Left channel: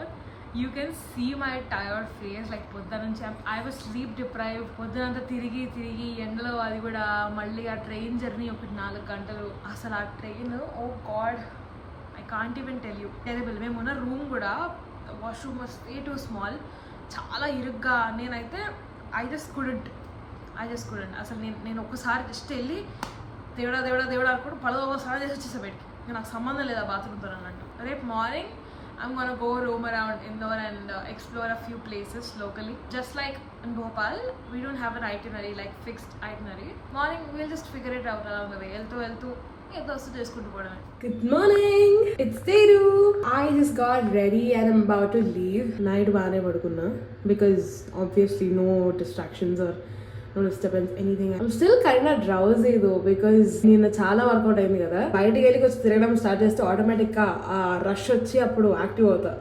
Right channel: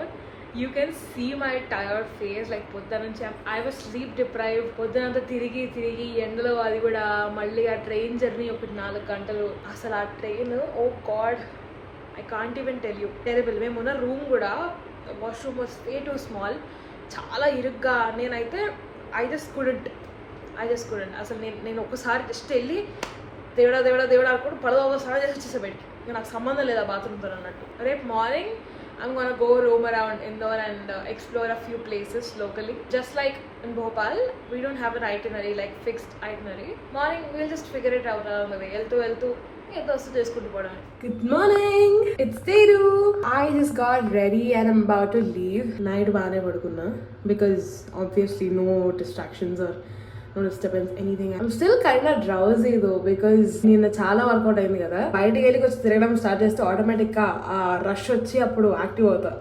Indore. You can see my tired face, like పొద్దున నుంచి I was sleep deprived. పొద్దునంతా తిరిగి ఎండలో, అది కూడా మళ్ళీ ఆ ట్రైన్ జర్నీ ఒకటి 4 గంటలు. అసలు ఆ train, oh God, I can't even tell you. Terrible. మేము ఉన్న రూమ్ కూడా washroom was way too small, చాలా ఇరుగ్గా. నేనైతే ఐ జస్ట్ కుడెంట్ అసలు నేను ఒకసారి జస్ట్ వెళ్ళి దేవుడా అనుకుంటూ పడదోసారి చేసి వచ్చేసా బయటికి. నాకు సంబంధం లేదు ఆ బాత్రూమ్తో అన్నట్టు. రేపు morning I'm gonna go roam around Indore and explore a few places locally. Just like in Bhopal, we don't have an itinerary, like fixed itinerary. Morning, we'll just figure it out along the way. వెళ్తూ ఏదో వస్తూ చేసుకుంటూ పోవడమే. Good morning! It's Teru! I just got ready and I'm about to leave. Night baane padukunna because obviously no distractions or no disturbance, anything. I'm still kind of drowsy though because నిన్న చాలా work out అయింది కదా. బయటికి వెళ్ళి వచ్చి తిరగడం start చేస్తే automatic గా ఆ రష్ వచ్చి అప్పుడు యాక్టివ్ అవుతా.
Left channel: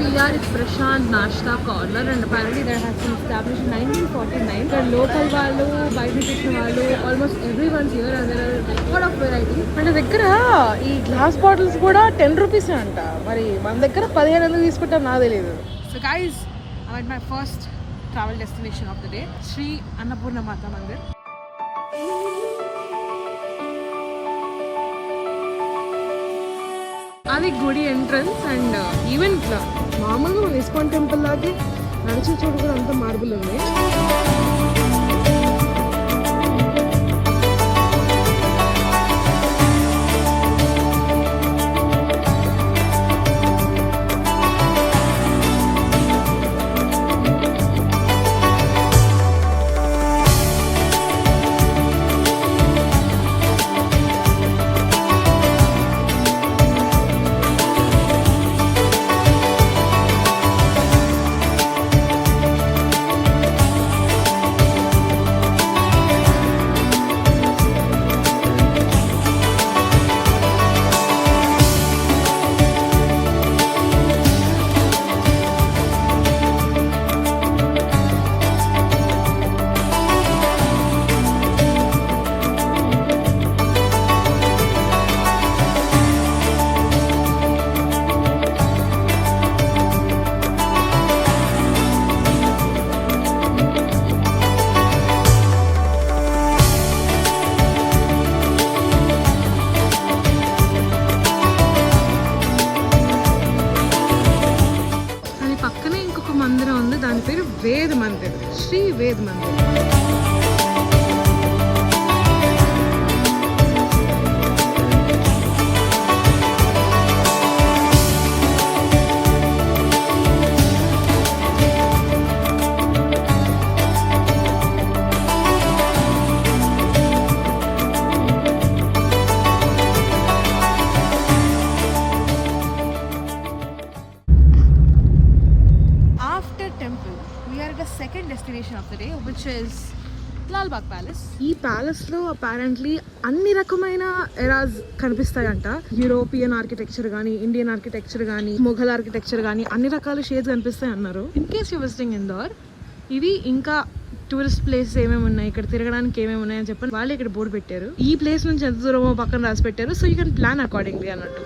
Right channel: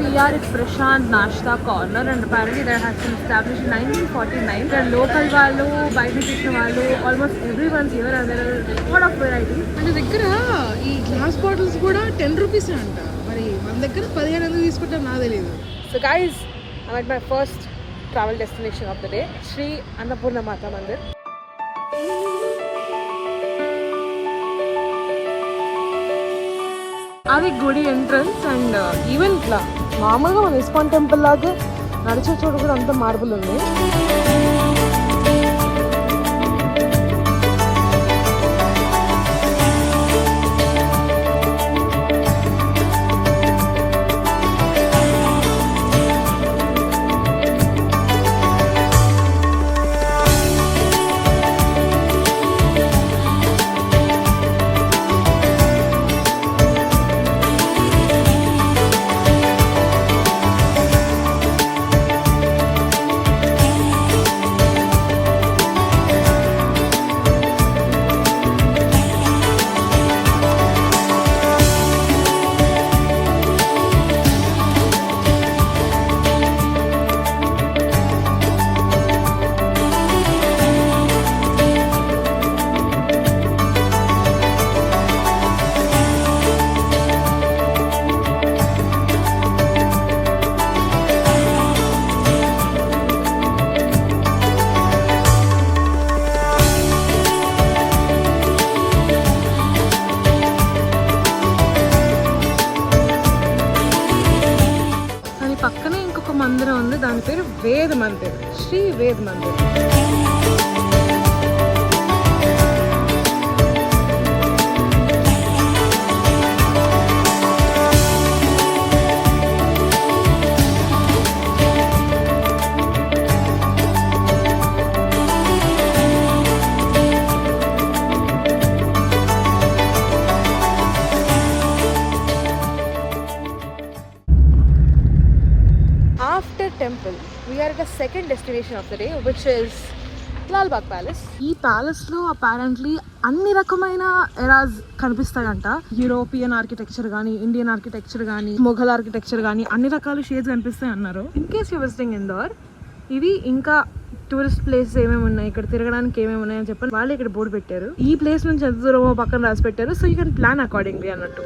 We are at Prashant Nashta Corner and apparently that has been established in 1949. There are local వాళ్ళు, బయట చేసిన వాళ్ళు, almost everyone's here and there are a lot of variety. మన దగ్గర ఈ గ్లాస్ బాటిల్స్ కూడా 10 రూపీస్ అంట. మరి మన దగ్గర 15 ఎందుకు తీసుకుంటాం నాకు తెలియదు. So guys, I'm at my first travel destination of the day, Sri Annapurna Mata Mandir. అది గుడి ఎంట్రన్స్ అండ్ ఈవెన్ ఇట్లా మామూలుగా మన ఇస్కాన్ టెంపుల్ లాగే నడిచే చోటు కూడా అంత మార్బుల్ ఉంది. మందిరం ఉంది, దాని పేరు Ved Mandir, Shri Ved Mandir. Second destination of the day, which is Lal Bagh Palace. ఈ ప్యాలెస్ లో అపారెంట్లీ అన్ని రకమైన ఎరాస్ కనిపిస్తాయంట. యూరోపియన్ ఆర్కిటెక్చర్ గానీ, ఇండియన్ ఆర్కిటెక్చర్ గానీ, మొఘల్ ఆర్కిటెక్చర్ గానీ అన్ని రకాల షేడ్స్ కనిపిస్తాయి అన్నారు. In case you visiting Indore, ఇవి ఇంకా టూరిస్ట్ ప్లేసెస్ ఏమేమి ఉన్నాయి, ఇక్కడ తిరగడానికి ఏమేమి ఉన్నాయని చెప్పి వాళ్ళు ఇక్కడ బోర్డు పెట్టారు. ఈ ప్లేస్ నుంచి ఎంత దూరమో పక్కన రాసి పెట్టారు. So you can plan accordingly అన్నట్టు.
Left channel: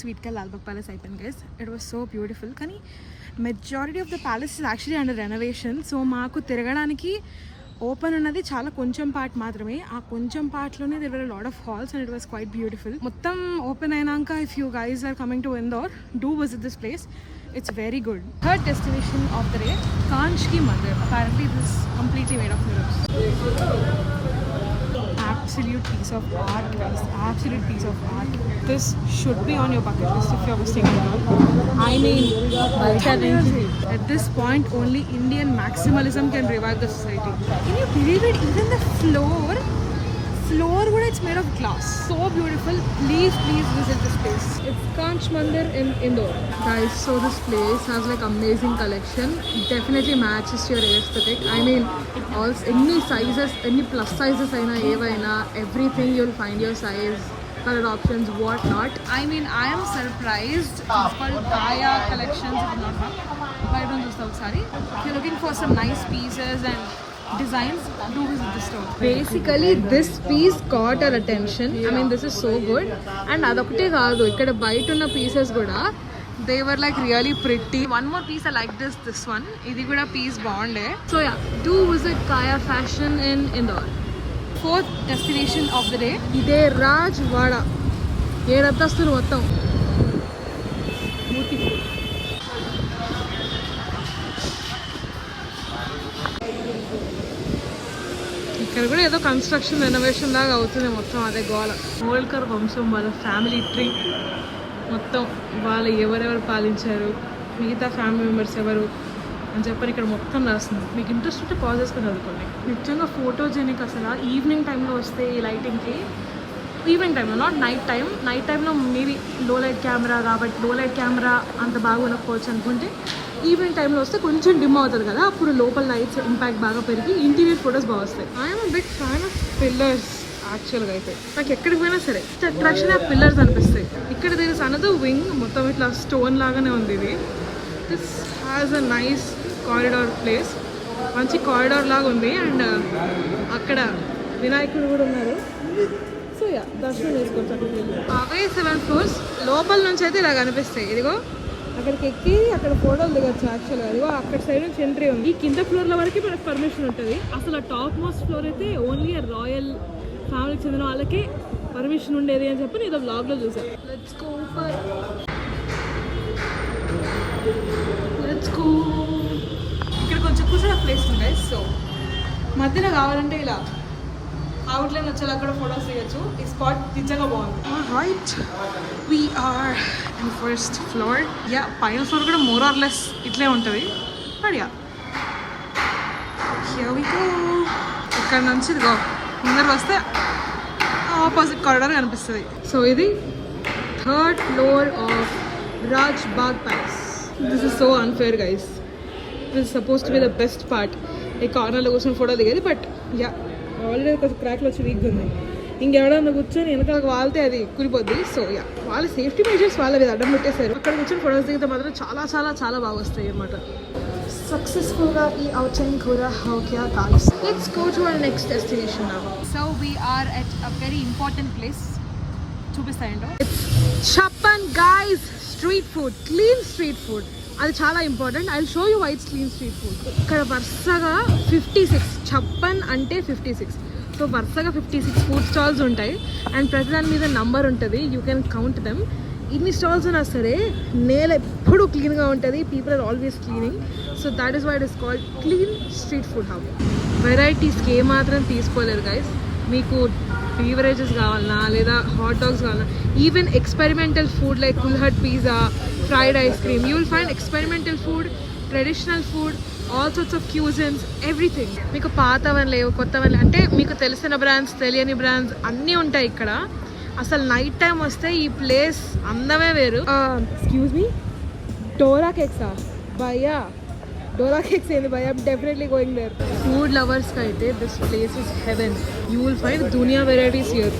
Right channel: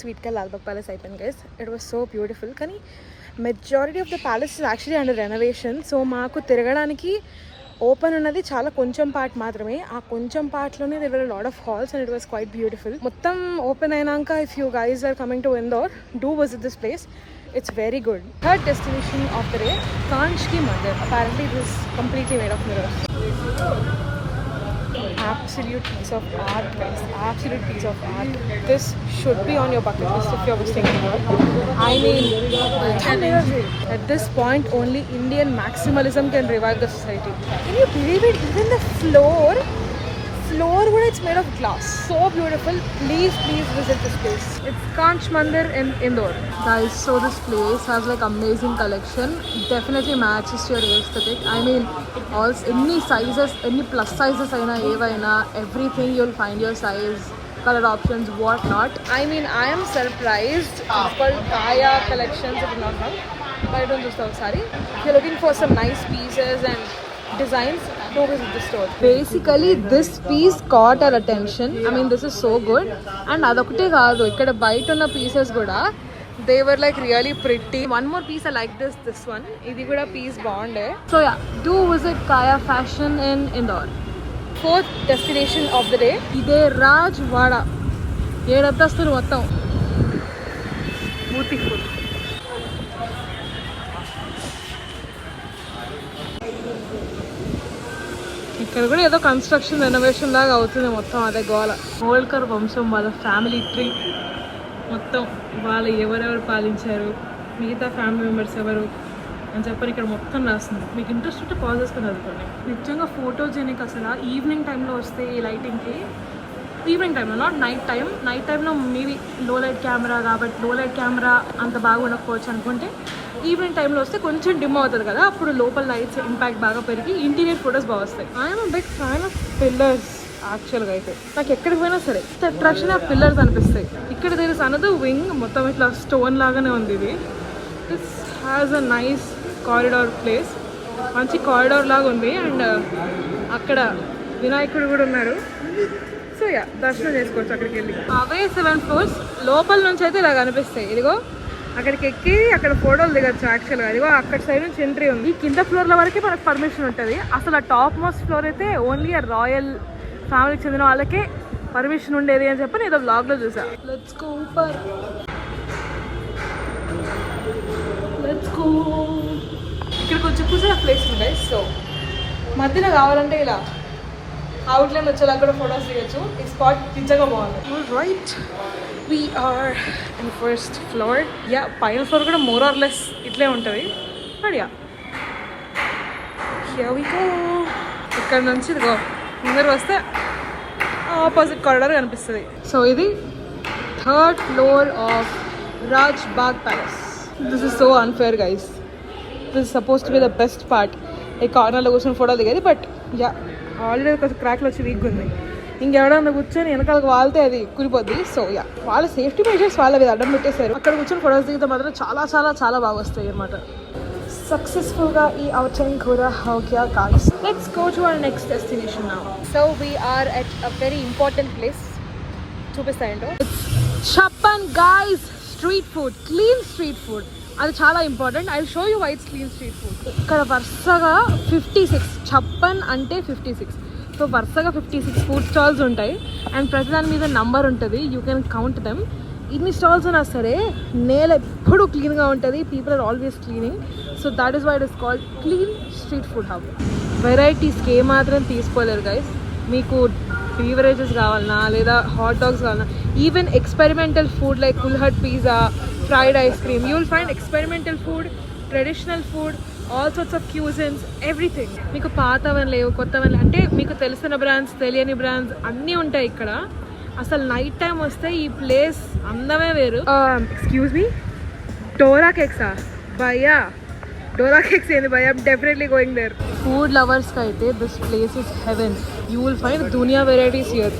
స్వీట్ కా లాల్బాగ్ ప్యాలెస్ అయిపోయింది guys. It was so beautiful. కానీ majority of the palace is actually under renovation. So మాకు తిరగడానికి ఓపెన్ ఉన్నది చాలా కొంచెం పార్ట్ మాత్రమే. ఆ కొంచెం పార్ట్లోనే there were lot of halls and it was quite beautiful. మొత్తం ఓపెన్ అయినాక if you guys are coming to Indore, do visit this place. It's very good. Third destination of the day, Kanchki Mandir. Apparently this is completely made of mirrors. Absolute piece of art, guys. Absolute piece of art. This should be on your bucket list if you're visiting Indore. I mean, at this point, only Indian maximalism can revive the society. Can you believe it? Even the floor wood, it's made of glass. So beautiful. Please visit this place. It's Kanch Mandir in Indore. Guys, so this place has like amazing collection. Definitely matches your aesthetic. I mean, all any sizes, any plus sizes aina evaina, everything you'll find your size, color options, what not. I mean, I am surprised. It's called Kaya Collections, if I'm not wrong. But I don't just know, sorry. If you're looking for some nice pieces and designs, do visit the store. Basically, this piece caught our attention. I mean, this is so good. And adokte kaadu, ikkada bite unna pieces kuda, they were like really pretty. One more piece I like this one. Idi kuda piece bagunde. So yeah, do visit Kaya Fashion in Indore. Fourth destination of the day, Ide Rajwada. Edantastulu mottam. Beautiful. ఇక్కడ కూడా ఏదో construction renovation లాగా అవుతుంది. మొత్తం అదే గోల. హోల్కర్ వంశం వాళ్ళ ఫ్యామిలీ ట్రీ మొత్తం, వాళ్ళు ఎవరెవరు పాలించారు, మిగతా ఫ్యామిలీ మెంబర్స్ ఎవరు అని చెప్పని ఇక్కడ మొత్తం రాస్తుంది. మీకు ఇంట్రెస్ట్ ఉంటే పాజ్ చేసుకుని చదువుకోండి. నిజంగా ఫోటోజెనిక్ అసలు. ఈవినింగ్ టైంలో వస్తే ఈ లైటింగ్కి, ఈవినింగ్ టైంలో నాట్ నైట్ టైంలో మేబీ లో లైట్ కెమెరా కాబట్టి లో లైట్ కెమెరా అంత బాగా ఉండకపోవచ్చు అనుకుంటే, ఈవినింగ్ టైంలో వస్తే కొంచెం డిమ్ అవుతుంది కదా, అప్పుడు లోపల లైట్స్ ఇంపాక్ట్ బాగా పెరిగి ఇంటీరియర్ ఫొటోస్ బాగా వస్తాయి. I'm big fan of pillars యాక్చువల్గా. అయితే నాకు ఎక్కడికి పోయినా సరే అట్రాక్షన్ ఆ పిల్లర్స్ అనిపిస్తాయి. ఇక్కడ దేర్ ఇస్ అనదర్ వింగ్, మొత్తం ఇట్లా స్టోన్ లాగానే ఉంది ఇది. This has a nice corridor place, మంచి కారిడార్ లాగా ఉంది. అండ్ అక్కడ వినాయకుడు కూడా ఉన్నారు. సో యా, దర్శనం చేసుకోవచ్చు అక్కడికి వెళ్ళి. అవే 7 floors లోపల నుంచి అయితే ఇలా కనిపిస్తాయి. ఇదిగో అక్కడికి ఎక్కి అక్కడ ఫోటోలు దిగచ్చు యాక్చువల్గా. ఇదిగో అక్కడ సైడ్ నుంచి ఎంట్రీ ఉంది. ఈ కింద ఫ్లోర్ల వరకే మనకు పర్మిషన్ ఉంటుంది. అసలు ఆ టాప్ మోస్ట్ ఫ్లోర్ అయితే ఓన్లీ ఆ రాయల్ ఫ్యామిలీకి చెందిన వాళ్ళకే పర్మిషన్ ఉండేది అని చెప్పి నేను ఏదో బ్లాగ్లో చూసా. Let's go. ఇక్కడ కొంచెం కూర్చొని ప్లేస్ ఉంది గైస్. సో మధ్యలో కావాలంటే ఇలా అవుట్లైన్ వచ్చేలా కూడా ఫొటోస్ తీయచ్చు. ఈ స్పాట్ నిజంగా బాగుంది. Right, we're in first floor. Yeah, పైన ఫ్లోర్ కూడా మోర్ ఆర్ లెస్ ఇట్లే ఉంటుంది. But yeah, here we go. ఇక్కడ నుంచి ఇదిగో ముందర వస్తే ఆపోజిట్ కారిడార్ కనిపిస్తుంది. సో ఇది 3rd floor of Rajbagh palace. This is so unfair guys. This is suppose to be the best part. ఈ కార్నర్లో కూర్చొని ఫోటో దిగేది. బట్ యా, ఆల్రెడీ ఒక క్రాక్లో వచ్చి వీక్ ఉంది. ఇంకెవడన్నా కూర్చొని వెనకాలకు వాళ్తే అది కురిపోద్ది. సో యా, వాళ్ళ సేఫ్టీ మెజర్స్ వాళ్ళవి అడ్డం పెట్టేశారు. అక్కడ కూర్చొని ఫొటోస్ దిగితే మాత్రం చాలా చాలా చాలా బాగా వస్తాయి అన్నమాట. సక్సెస్ఫుల్గా ఈ అవుటింగ్ కూడా ఓకే కాదు. Let's go to our next destination now. so we are at a very important place. చూపిస్తాయంటో Chappan guys, street food, clean street food. అది చాలా important. I show you why it's clean street food. ఇక్కడ వరుసగా 56, చప్పన్ అంటే 56. So వరుసగా 56 food stalls ఉంటాయి. And ప్రతి దాని మీద నంబర్ ఉంటుంది. You can count them. ఇన్ని స్టాల్స్ ఉన్నా సరే నేల ఎప్పుడు క్లీన్గా ఉంటుంది. People are always cleaning. So that is why it is called clean street food hub. వెరైటీస్కి ఏమాత్రం తీసుకోలేరు గైస్. మీకు బీవరేజెస్ కావాలన్నా లేదా హాట్ డాగ్స్ కావాలన్నా, even experimental food like kulhad pizza, fried ice cream, you will find experimental food, traditional food, all sorts of cuisines, everything. మీకు పాతవని లేవు, కొత్తవని, అంటే మీకు తెలిసిన బ్రాండ్స్, తెలియని బ్రాండ్స్ అన్నీ ఉంటాయి ఇక్కడ. అసలు నైట్ టైం వస్తే ఈ ప్లేస్ అందమే వేరు. ఎక్స్క్యూజ్ మీ, డోరా కేక్సా భయ్యా? డోరా కేక్స్ ఏంది భయ్యా? I'm definitely going there. Food లవర్స్కి అయితే this place is heaven. You will find దునియా varieties here.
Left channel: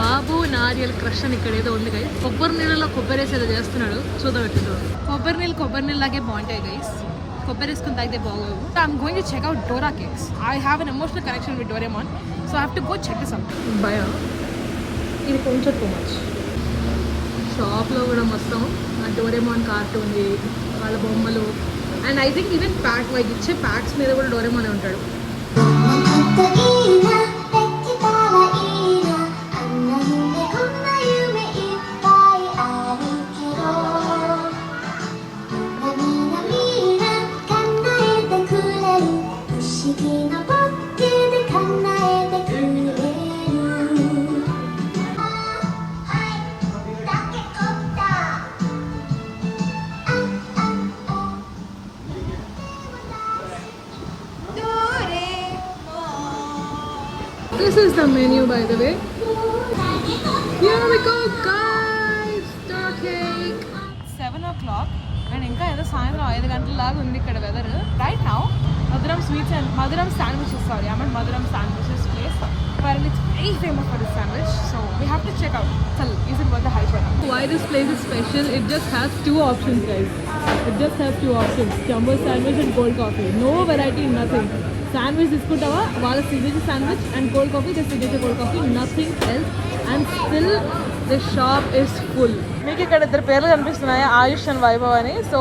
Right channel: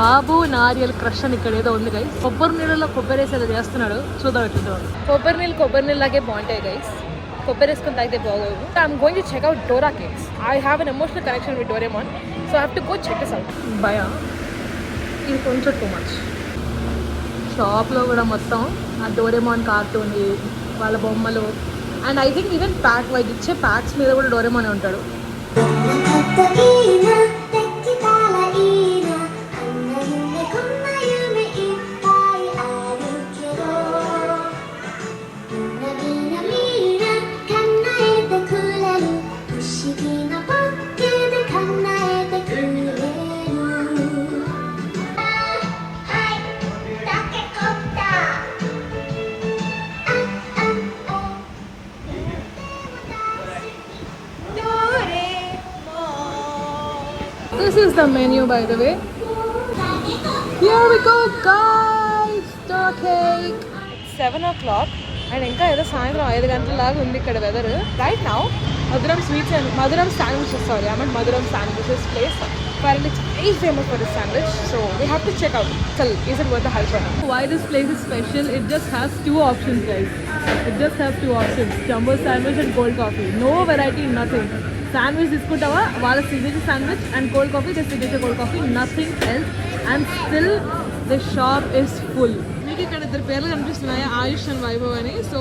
Babu Nariyal crush అని ఇక్కడ ఏదో ఉంది గైస్. కొబ్బరి నీళ్ళలో కొబ్బరి వేసి ఏదో చేస్తున్నాడు, చూద్దాం ఎట్లుంటాడు. కొబ్బరి నీళ్ళు లాగే బాగుంటాయి గైస్. కొబ్బరి వేసుకుని తాగితే బాగోదు. I'm going to check out Dora cakes. I have an emotional connection with Doraemon, so I have to go check this out. భయ ఇది కొంచెం టూ మచ్. షాప్లో కూడా మొత్తం ఆ డోరేమాన్ కార్టూన్ వాళ్ళ బొమ్మలు and I think even pack white ఇచ్చే ప్యాక్స్ మీద కూడా డోరేమానే ఉంటాడు. This is the menu, by the way. Here we go, guys. Star cake. 7 o'clock. And ఇంకా ఏదో సాయంత్రం 5 గంటల లాగా ఉంది ఇక్కడ weather. Right now, Maduram Sweets and Maduram Sandwiches. Sorry, I'm at Maduram Sandwiches place. Apparently, it's very famous for this sandwich. So we have to check out. Chal, is it worth the hype or not? Why this place is special? It just has 2 options, guys. It just has 2 options: jumbo sandwich and cold coffee. No variety, nothing. Sandwich తీసుకుంటావా వాళ్ళ signature sandwich and cold coffee the signature cold coffee, nothing else. And still the shop is full. మీకు ఇక్కడ 2 పేర్లు కనిపిస్తున్నాయి, ఆయుష్ and Vaibhav అని. So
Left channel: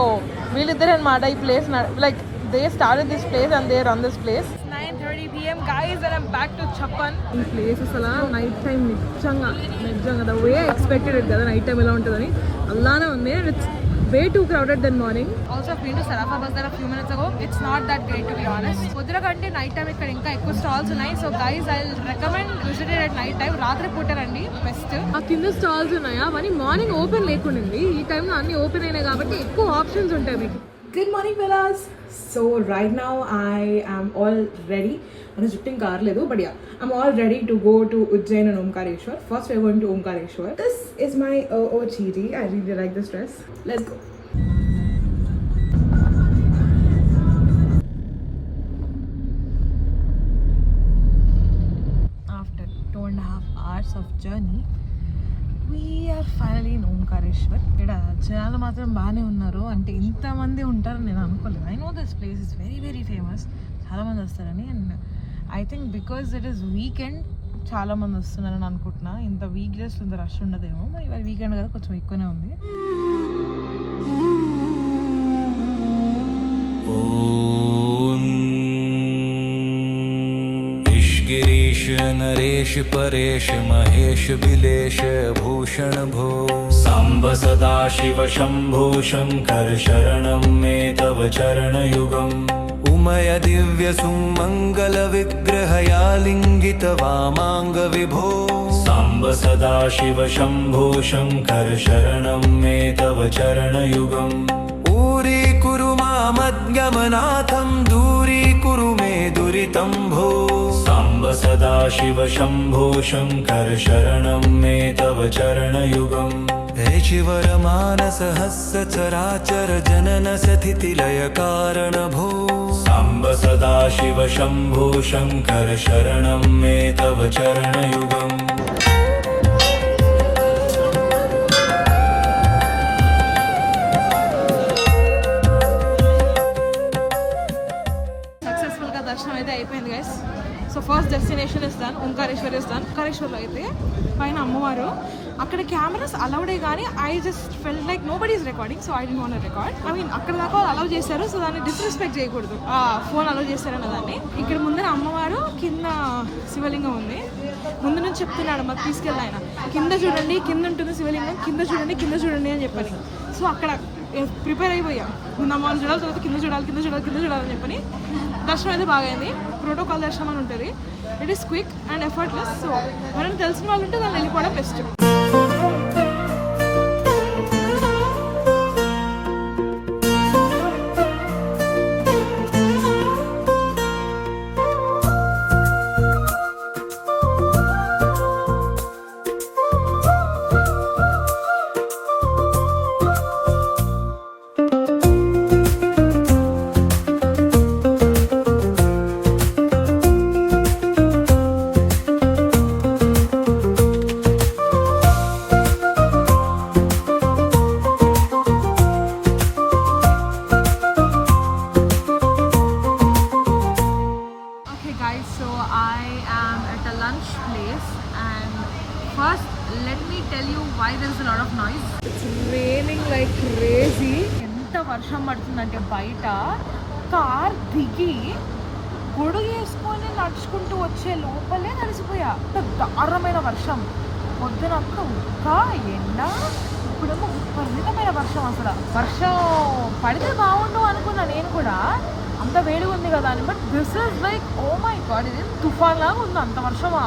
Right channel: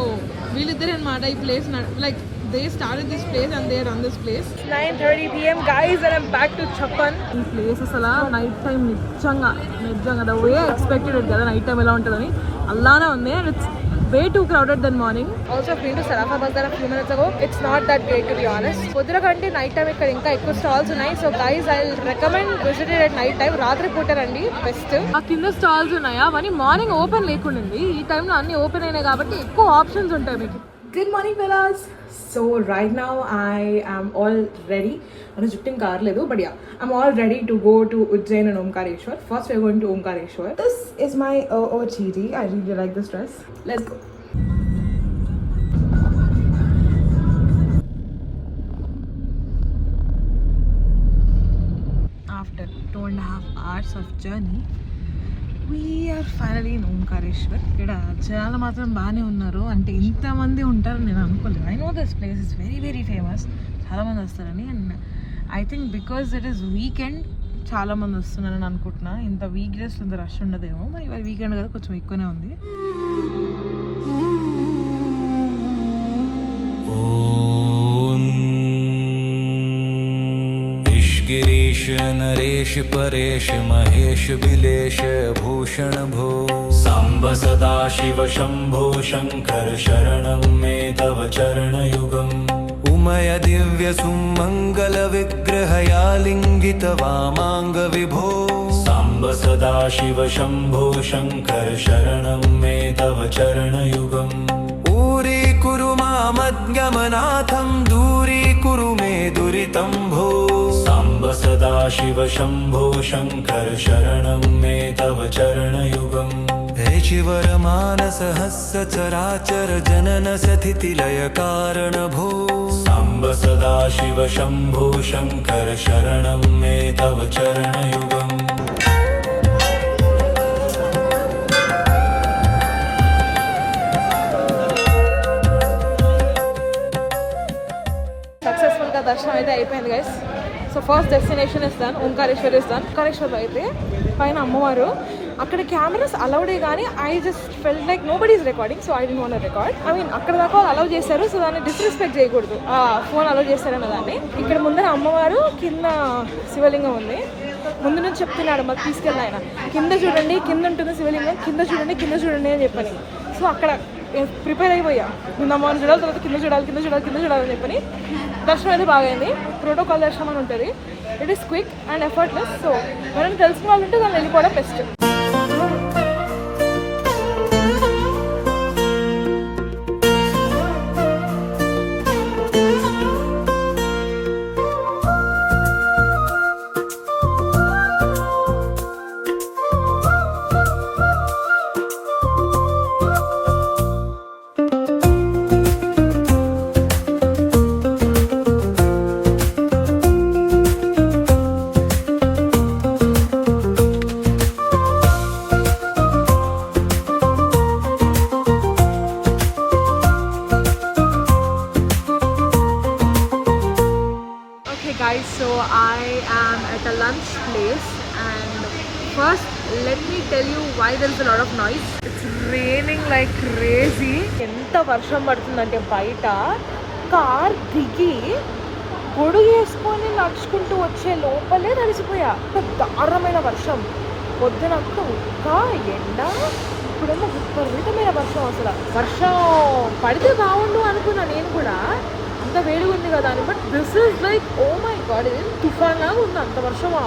వీళ్ళిద్దరే అనమాట ఈ place. Like they started this place and they run this place. 9:30 PM guys and I'm back to Chappan. ఈ place అసలు నైట్ టైం నిజంగా ద వే ఎక్స్పెక్టెడ్ కదా నైట్ టైం ఎలా ఉంటుందని అలానే ఉంది. And it's way too crowded than morning. Also I've been to Sarafa Bazaar a few minutes ago. It's not that great, to be honest. పొద్దున కంటే night time ఇక్కడ ఇంకా ఎక్కువ స్టాల్స్ ఉన్నాయి. So guys I will recommend visit it at night time. రాత్రి పూట రండి best. ఆ కింద స్టాల్స్ ఉన్నాయా అవన్నీ మార్నింగ్ ఓపెన్ లేకుండింది. ఈ టైంలో అన్ని ఓపెన్ అయినాయి కాబట్టి ఎక్కువ ఆప్షన్స్ ఉంటాయి మీకు. Good morning, fellas. So right now I am all ready. I'm shifting car ledu, but yeah, I'm all ready to go to Ujjain and Omkareshwar. First we're going to Omkareshwar. This is my OOTD. I really like this dress. Let's go. After 2.5 hours of journey, we are finally in Omkareshwar. ఇక్కడ జనాలు మాత్రం బాగానే ఉన్నారు. అంటే ఇంతమంది ఉంటారు నేను అనుకోలేదు. I know this place is very very famous, చాలామంది వస్తారని. And I think because it is weekend చాలామంది వస్తున్నారని అనుకుంటున్నాను. ఇంత వీక్ డేస్ ఇంత రష్ ఉండదేమో, మరి ఇవాళ వీకెండ్ కదా కొంచెం ఎక్కువనే ఉంది. गिरीश नरेश परेश महेश बिलेश भूषण भो सांब सदा शिव शंभो शंकर शरणं मे तव चरणयुगम् उमय दिव्य सुमंगल विग्रहयालिंगित वामांग विभो सांब सदा शिव शंभो शंकर शरणं मे तव चरणयुगम् ऊरी कुरु मामद्गमनाथं दूरी कुरु मे दुरितं भो सांब सदा शिव शंभो शंकर शरणं मे तव चरणयुगम् ऋचिवर मानस हस्य चराचर जनन सथिति लय कारण भो सांब सदा शिव शंभो शंकर शरणं मे तव चरणयुगम् దర్శనం అయితే అయిపోయింది guys. So first destination is done, Omkareshwar is done. ఓంకారేశ్వర్లో అయితే పైన అమ్మవారు, అక్కడ కెమెరాస్ అలౌడే కానీ I just felt like nobody is recording, so I don't want record. I mean అక్కడ దాకా అలౌ చేశారు, సో దాన్ని డిస్రెస్పెక్ట్ చేయకూడదు. ఆ ఫోన్ అలౌ చేశారన్న దాన్ని. ఇక్కడ ముందర అమ్మవారు, కింద శివలింగం ఉంది. ముందు నుంచి చెప్తున్నాడు మాకు తీసుకెళ్ళి ఆయన, కింద చూడండి కింద ఉంటుంది శివలింగం, కింద చూడండి కింద చూడండి అని చెప్పని. సో అక్కడ ప్రిపేర్ అయిపోయా, ముందు అమ్మవారిని చూడాలి, తర్వాత కింద చూడాలి కింద చూడాలి కింద చూడాలని చెప్పని. దర్శనం అయితే బాగైంది. ప్రోటోకాల్ దర్శనం అని ఉంటుంది. It is quick and effortless. So ఎవరైనా తెలిసిన వాళ్ళు ఉంటే దాన్ని వెళ్ళిపోవడం best. First, let me tell you why there is a lot of noise. It's raining like crazy. ఎంత వర్షం పడుతుందంటే బయట కార్ దిగి గొడుగు వేసుకొని నడుచుకుంటూ వచ్చే లోపలే తడిసిపోయా. దారుణమైన వర్షం. పొద్దునంతా ఉక్క ఎండ, ఇప్పుడేమో విపరీతమైన వర్షం. అసలు వర్షం పడితే బాగుండు అనుకున్నా నేను కూడా, అంత వేడిగా ఉంది కదా అని. But this is like oh my God, ఇది తుఫాన్గా ఉంది, అంత వర్షమా.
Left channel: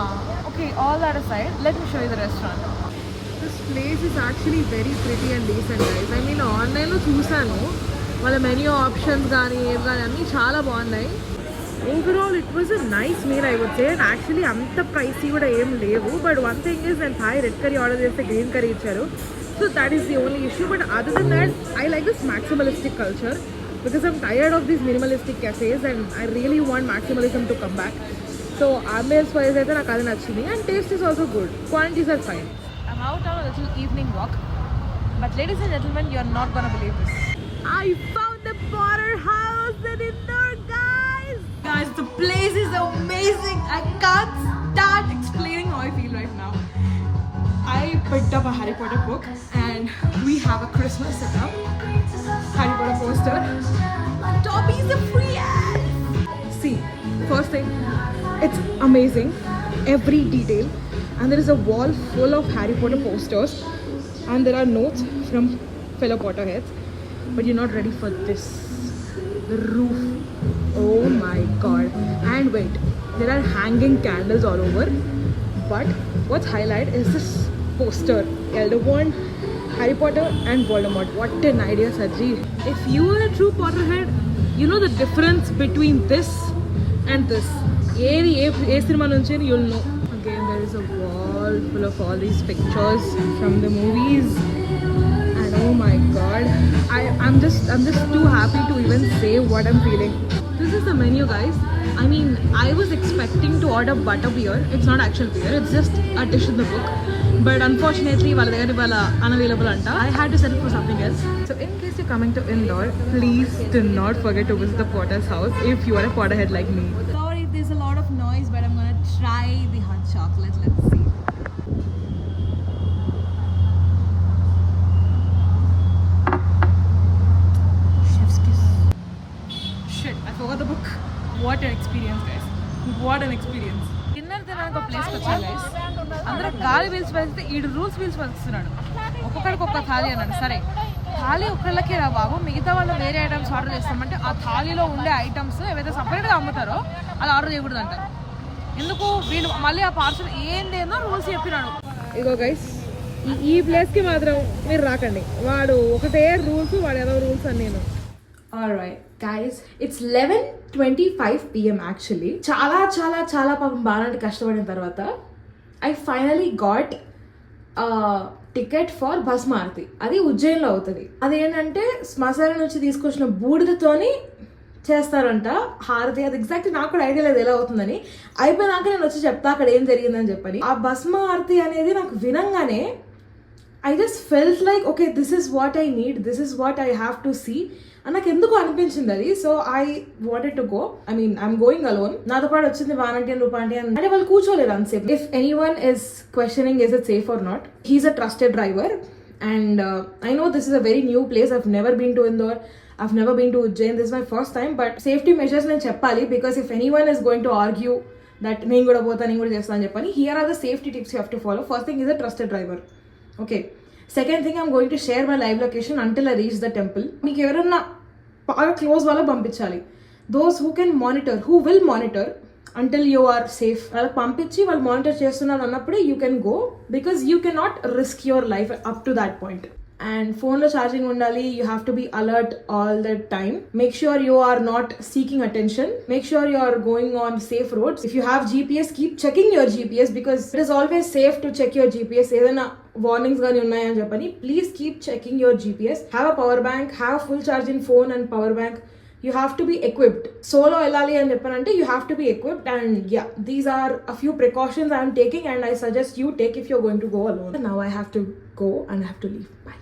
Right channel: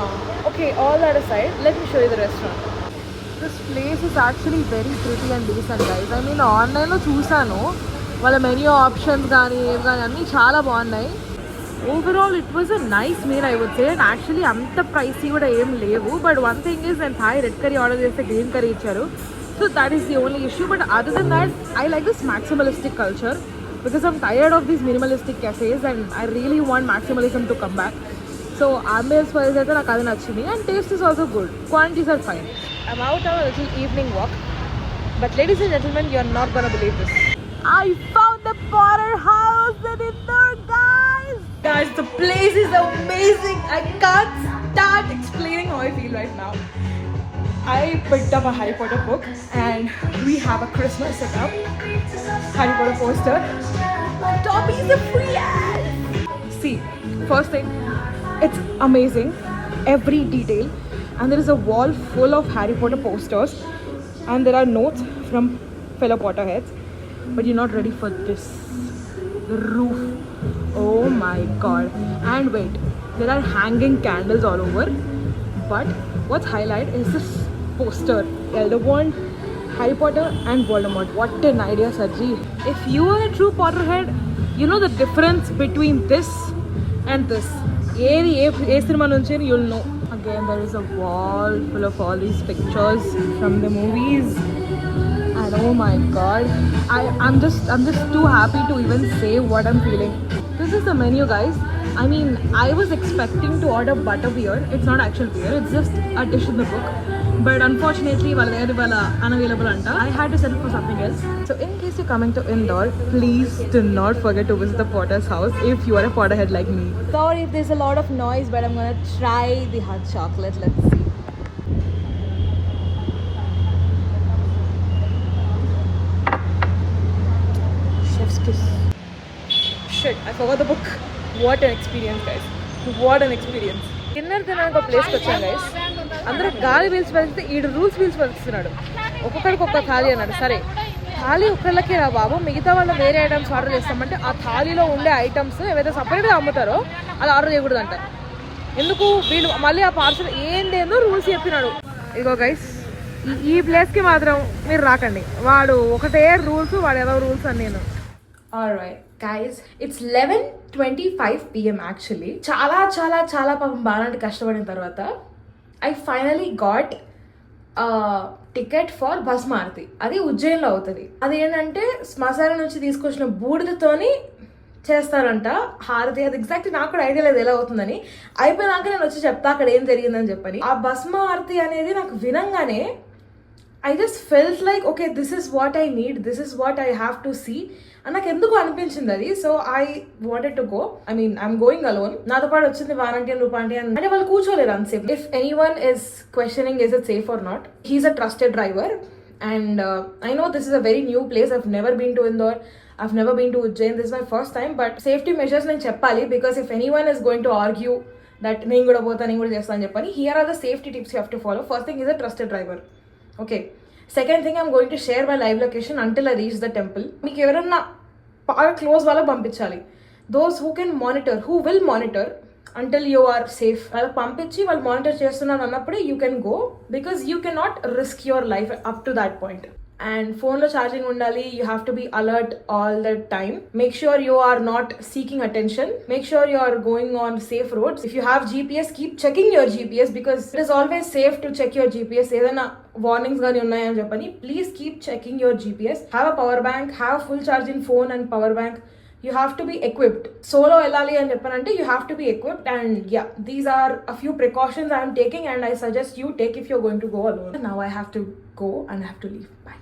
Okay, all that aside, let me show you the restaurant. This place is actually very pretty and decent guys. I mean ఆన్లైన్లో చూసాను, వాళ్ళ మెన్యూ ఆప్షన్స్ కానీ ఏవి కానీ అన్నీ చాలా బాగున్నాయి. Overall it was a nice meal I would say. Actually అంత ప్రైసీ కూడా ఏం లేవు. బట్ వన్ థింగ్ ఈజ్, నేను థాయ్ రెడ్ కర్రీ ఆర్డర్ చేస్తే గ్రీన్ కర్రీ ఇచ్చారు. So that is the only issue. But other than that I like this maximalistic culture because I'm tired of these minimalistic cafes and I really want maximalism to come back. So ambience wise అయితే నాకు అది నచ్చింది, and taste is also good. Quantities are fine. I'm out on a little evening walk, but ladies and gentlemen, you are not gonna believe this. I found the Potter House in Indore, guys. Guys, the place is amazing. I can't start explaining how I feel right now. I picked up a Harry Potter book and we have a Christmas setup. Harry Potter poster. Dobby is a free ass. See, first thing, it's amazing. Every detail. And there is a wall full of Harry Potter posters. And there are notes from fellow Potterheads. But you're not ready for this. The roof. Oh my god. And wait, there are hanging candles all over. But what's highlight is this poster. Elderwand, Harry Potter and Voldemort. What an idea, Sajji. If you are a true Potterhead, you know the difference between this and this. A cinema నుంచి you'll know. Again, there is a wall full of all these pictures from the movies. And oh my god, I'm just too happy to even say what I'm feeling. This is the menu, guys. I mean, I was expecting to order butterbeer. It's not actual beer, it's just a dish in the book. But unfortunately, while unavailable anta, I had to settle for something else. So in case you're coming to Indore, please do not forget to visit the Potter's house if you are a Potterhead like me. Sorry if there's a lot of noise, but I'm gonna try the hot chocolate. Let's see. Chef's kiss. Shit, I forgot the book. What an experience, guys. What an experience. Dinner తినడానికి ఒక ప్లేస్కి వచ్చాను guys. అందరూ గాలి పీల్చి పలిస్తే ఈడు rules పీల్చి పలుస్తున్నాడు. ఒక్కొక్కడికి ఒక్క థాలీ అన్నాడు. సరే, థాలీ ఒక్కళ్ళకే రా బాబు, మిగతా వాళ్ళు వేరే ఐటమ్స్ ఆర్డర్ చేస్తామంటే ఆ థాలీలో ఉండే ఐటమ్స్ ఏవైతే సపరేట్గా అమ్ముతారో అది ఆర్డర్ చేయకూడదు అంటారు. ఎందుకు వీళ్ళు మళ్ళీ ఆ పార్సల్ ఏందేందో రూల్స్ చెప్పినాడు. ఇగో గైస్, ఈ ప్లేస్కి మాత్రం మీరు రాకండి. వాడు ఒకటే రూల్స్, వాడు ఏదో రూల్స్ అని నేను. Alright guys, it's 11:25 PM actually. చాలా పాపం బాగా కష్టపడిన తర్వాత I finally got a ticket for bus Maruti. అది ఉజ్జయిన్లో అవుతుంది. అది ఏంటంటే శ్మశానం నుంచి తీసుకొచ్చిన బూడిదతోని చేస్తారంట హారతి. అది ఎగ్జాక్ట్లీ నాకు కూడా ఐడియా లేదు ఎలా అవుతుందని. అయిపోయినాక నేను వచ్చి చెప్తా అక్కడ ఏం జరిగిందని చెప్పని. ఆ భస్మ ఆరతి అనేది నాకు వినంగానే I just felt like, okay, this is what I need, this is what I have to see. And నాకు ఎందుకు అనిపించింది అది. So I wanted to go. I mean I'm going alone. నాతో పాటు వచ్చింది వారంటీ అండ్ రూపాంటి అంటే వాళ్ళు కూర్చోలేరు unsafe. If anyone is questioning is it safe or not, he's a trusted driver. And I know this is a very new place. I've never been to Indore, I've never been to Ujjain. This my first time. But safety measures నేను చెప్పాలి, because if anyone is going to argue that నేను కూడా పోతా, నేను కూడా చేస్తాను అని చెప్పని, here are the safety tips you have to follow. First thing is a trusted driver. Okay, second thing I'm going to share my live location until I reach the temple. మీకు ఎవరన్నా బాగా క్లోజ్ వాళ్ళకి పంపించాలి. Those who can monitor, who will monitor until you are safe. వాళ్ళకి పంపించి వాళ్ళు monitor చేస్తున్నారు అన్నప్పుడే you can go, because you can not risk your life up to that point. And ఫోన్లో ఛార్జింగ్ ఉండాలి. You have to be alert all the time. Make sure you are not seeking attention. Make sure you are going on safe roads. If you have GPS, keep checking your GPS, because it is always safe to check your GPS. ఏదైనా warnings కానీ ఉన్నాయని చెప్పని please keep checking your GPS. Have a power bank, have full charging phone and power bank. You have to be equipped. Solo వెళ్ళాలి అని చెప్పానంటే you have to be equipped. And yeah, these are a few precautions I am taking and I suggest you take if you're going to go alone. Now I have to go and I have to leave. Bye.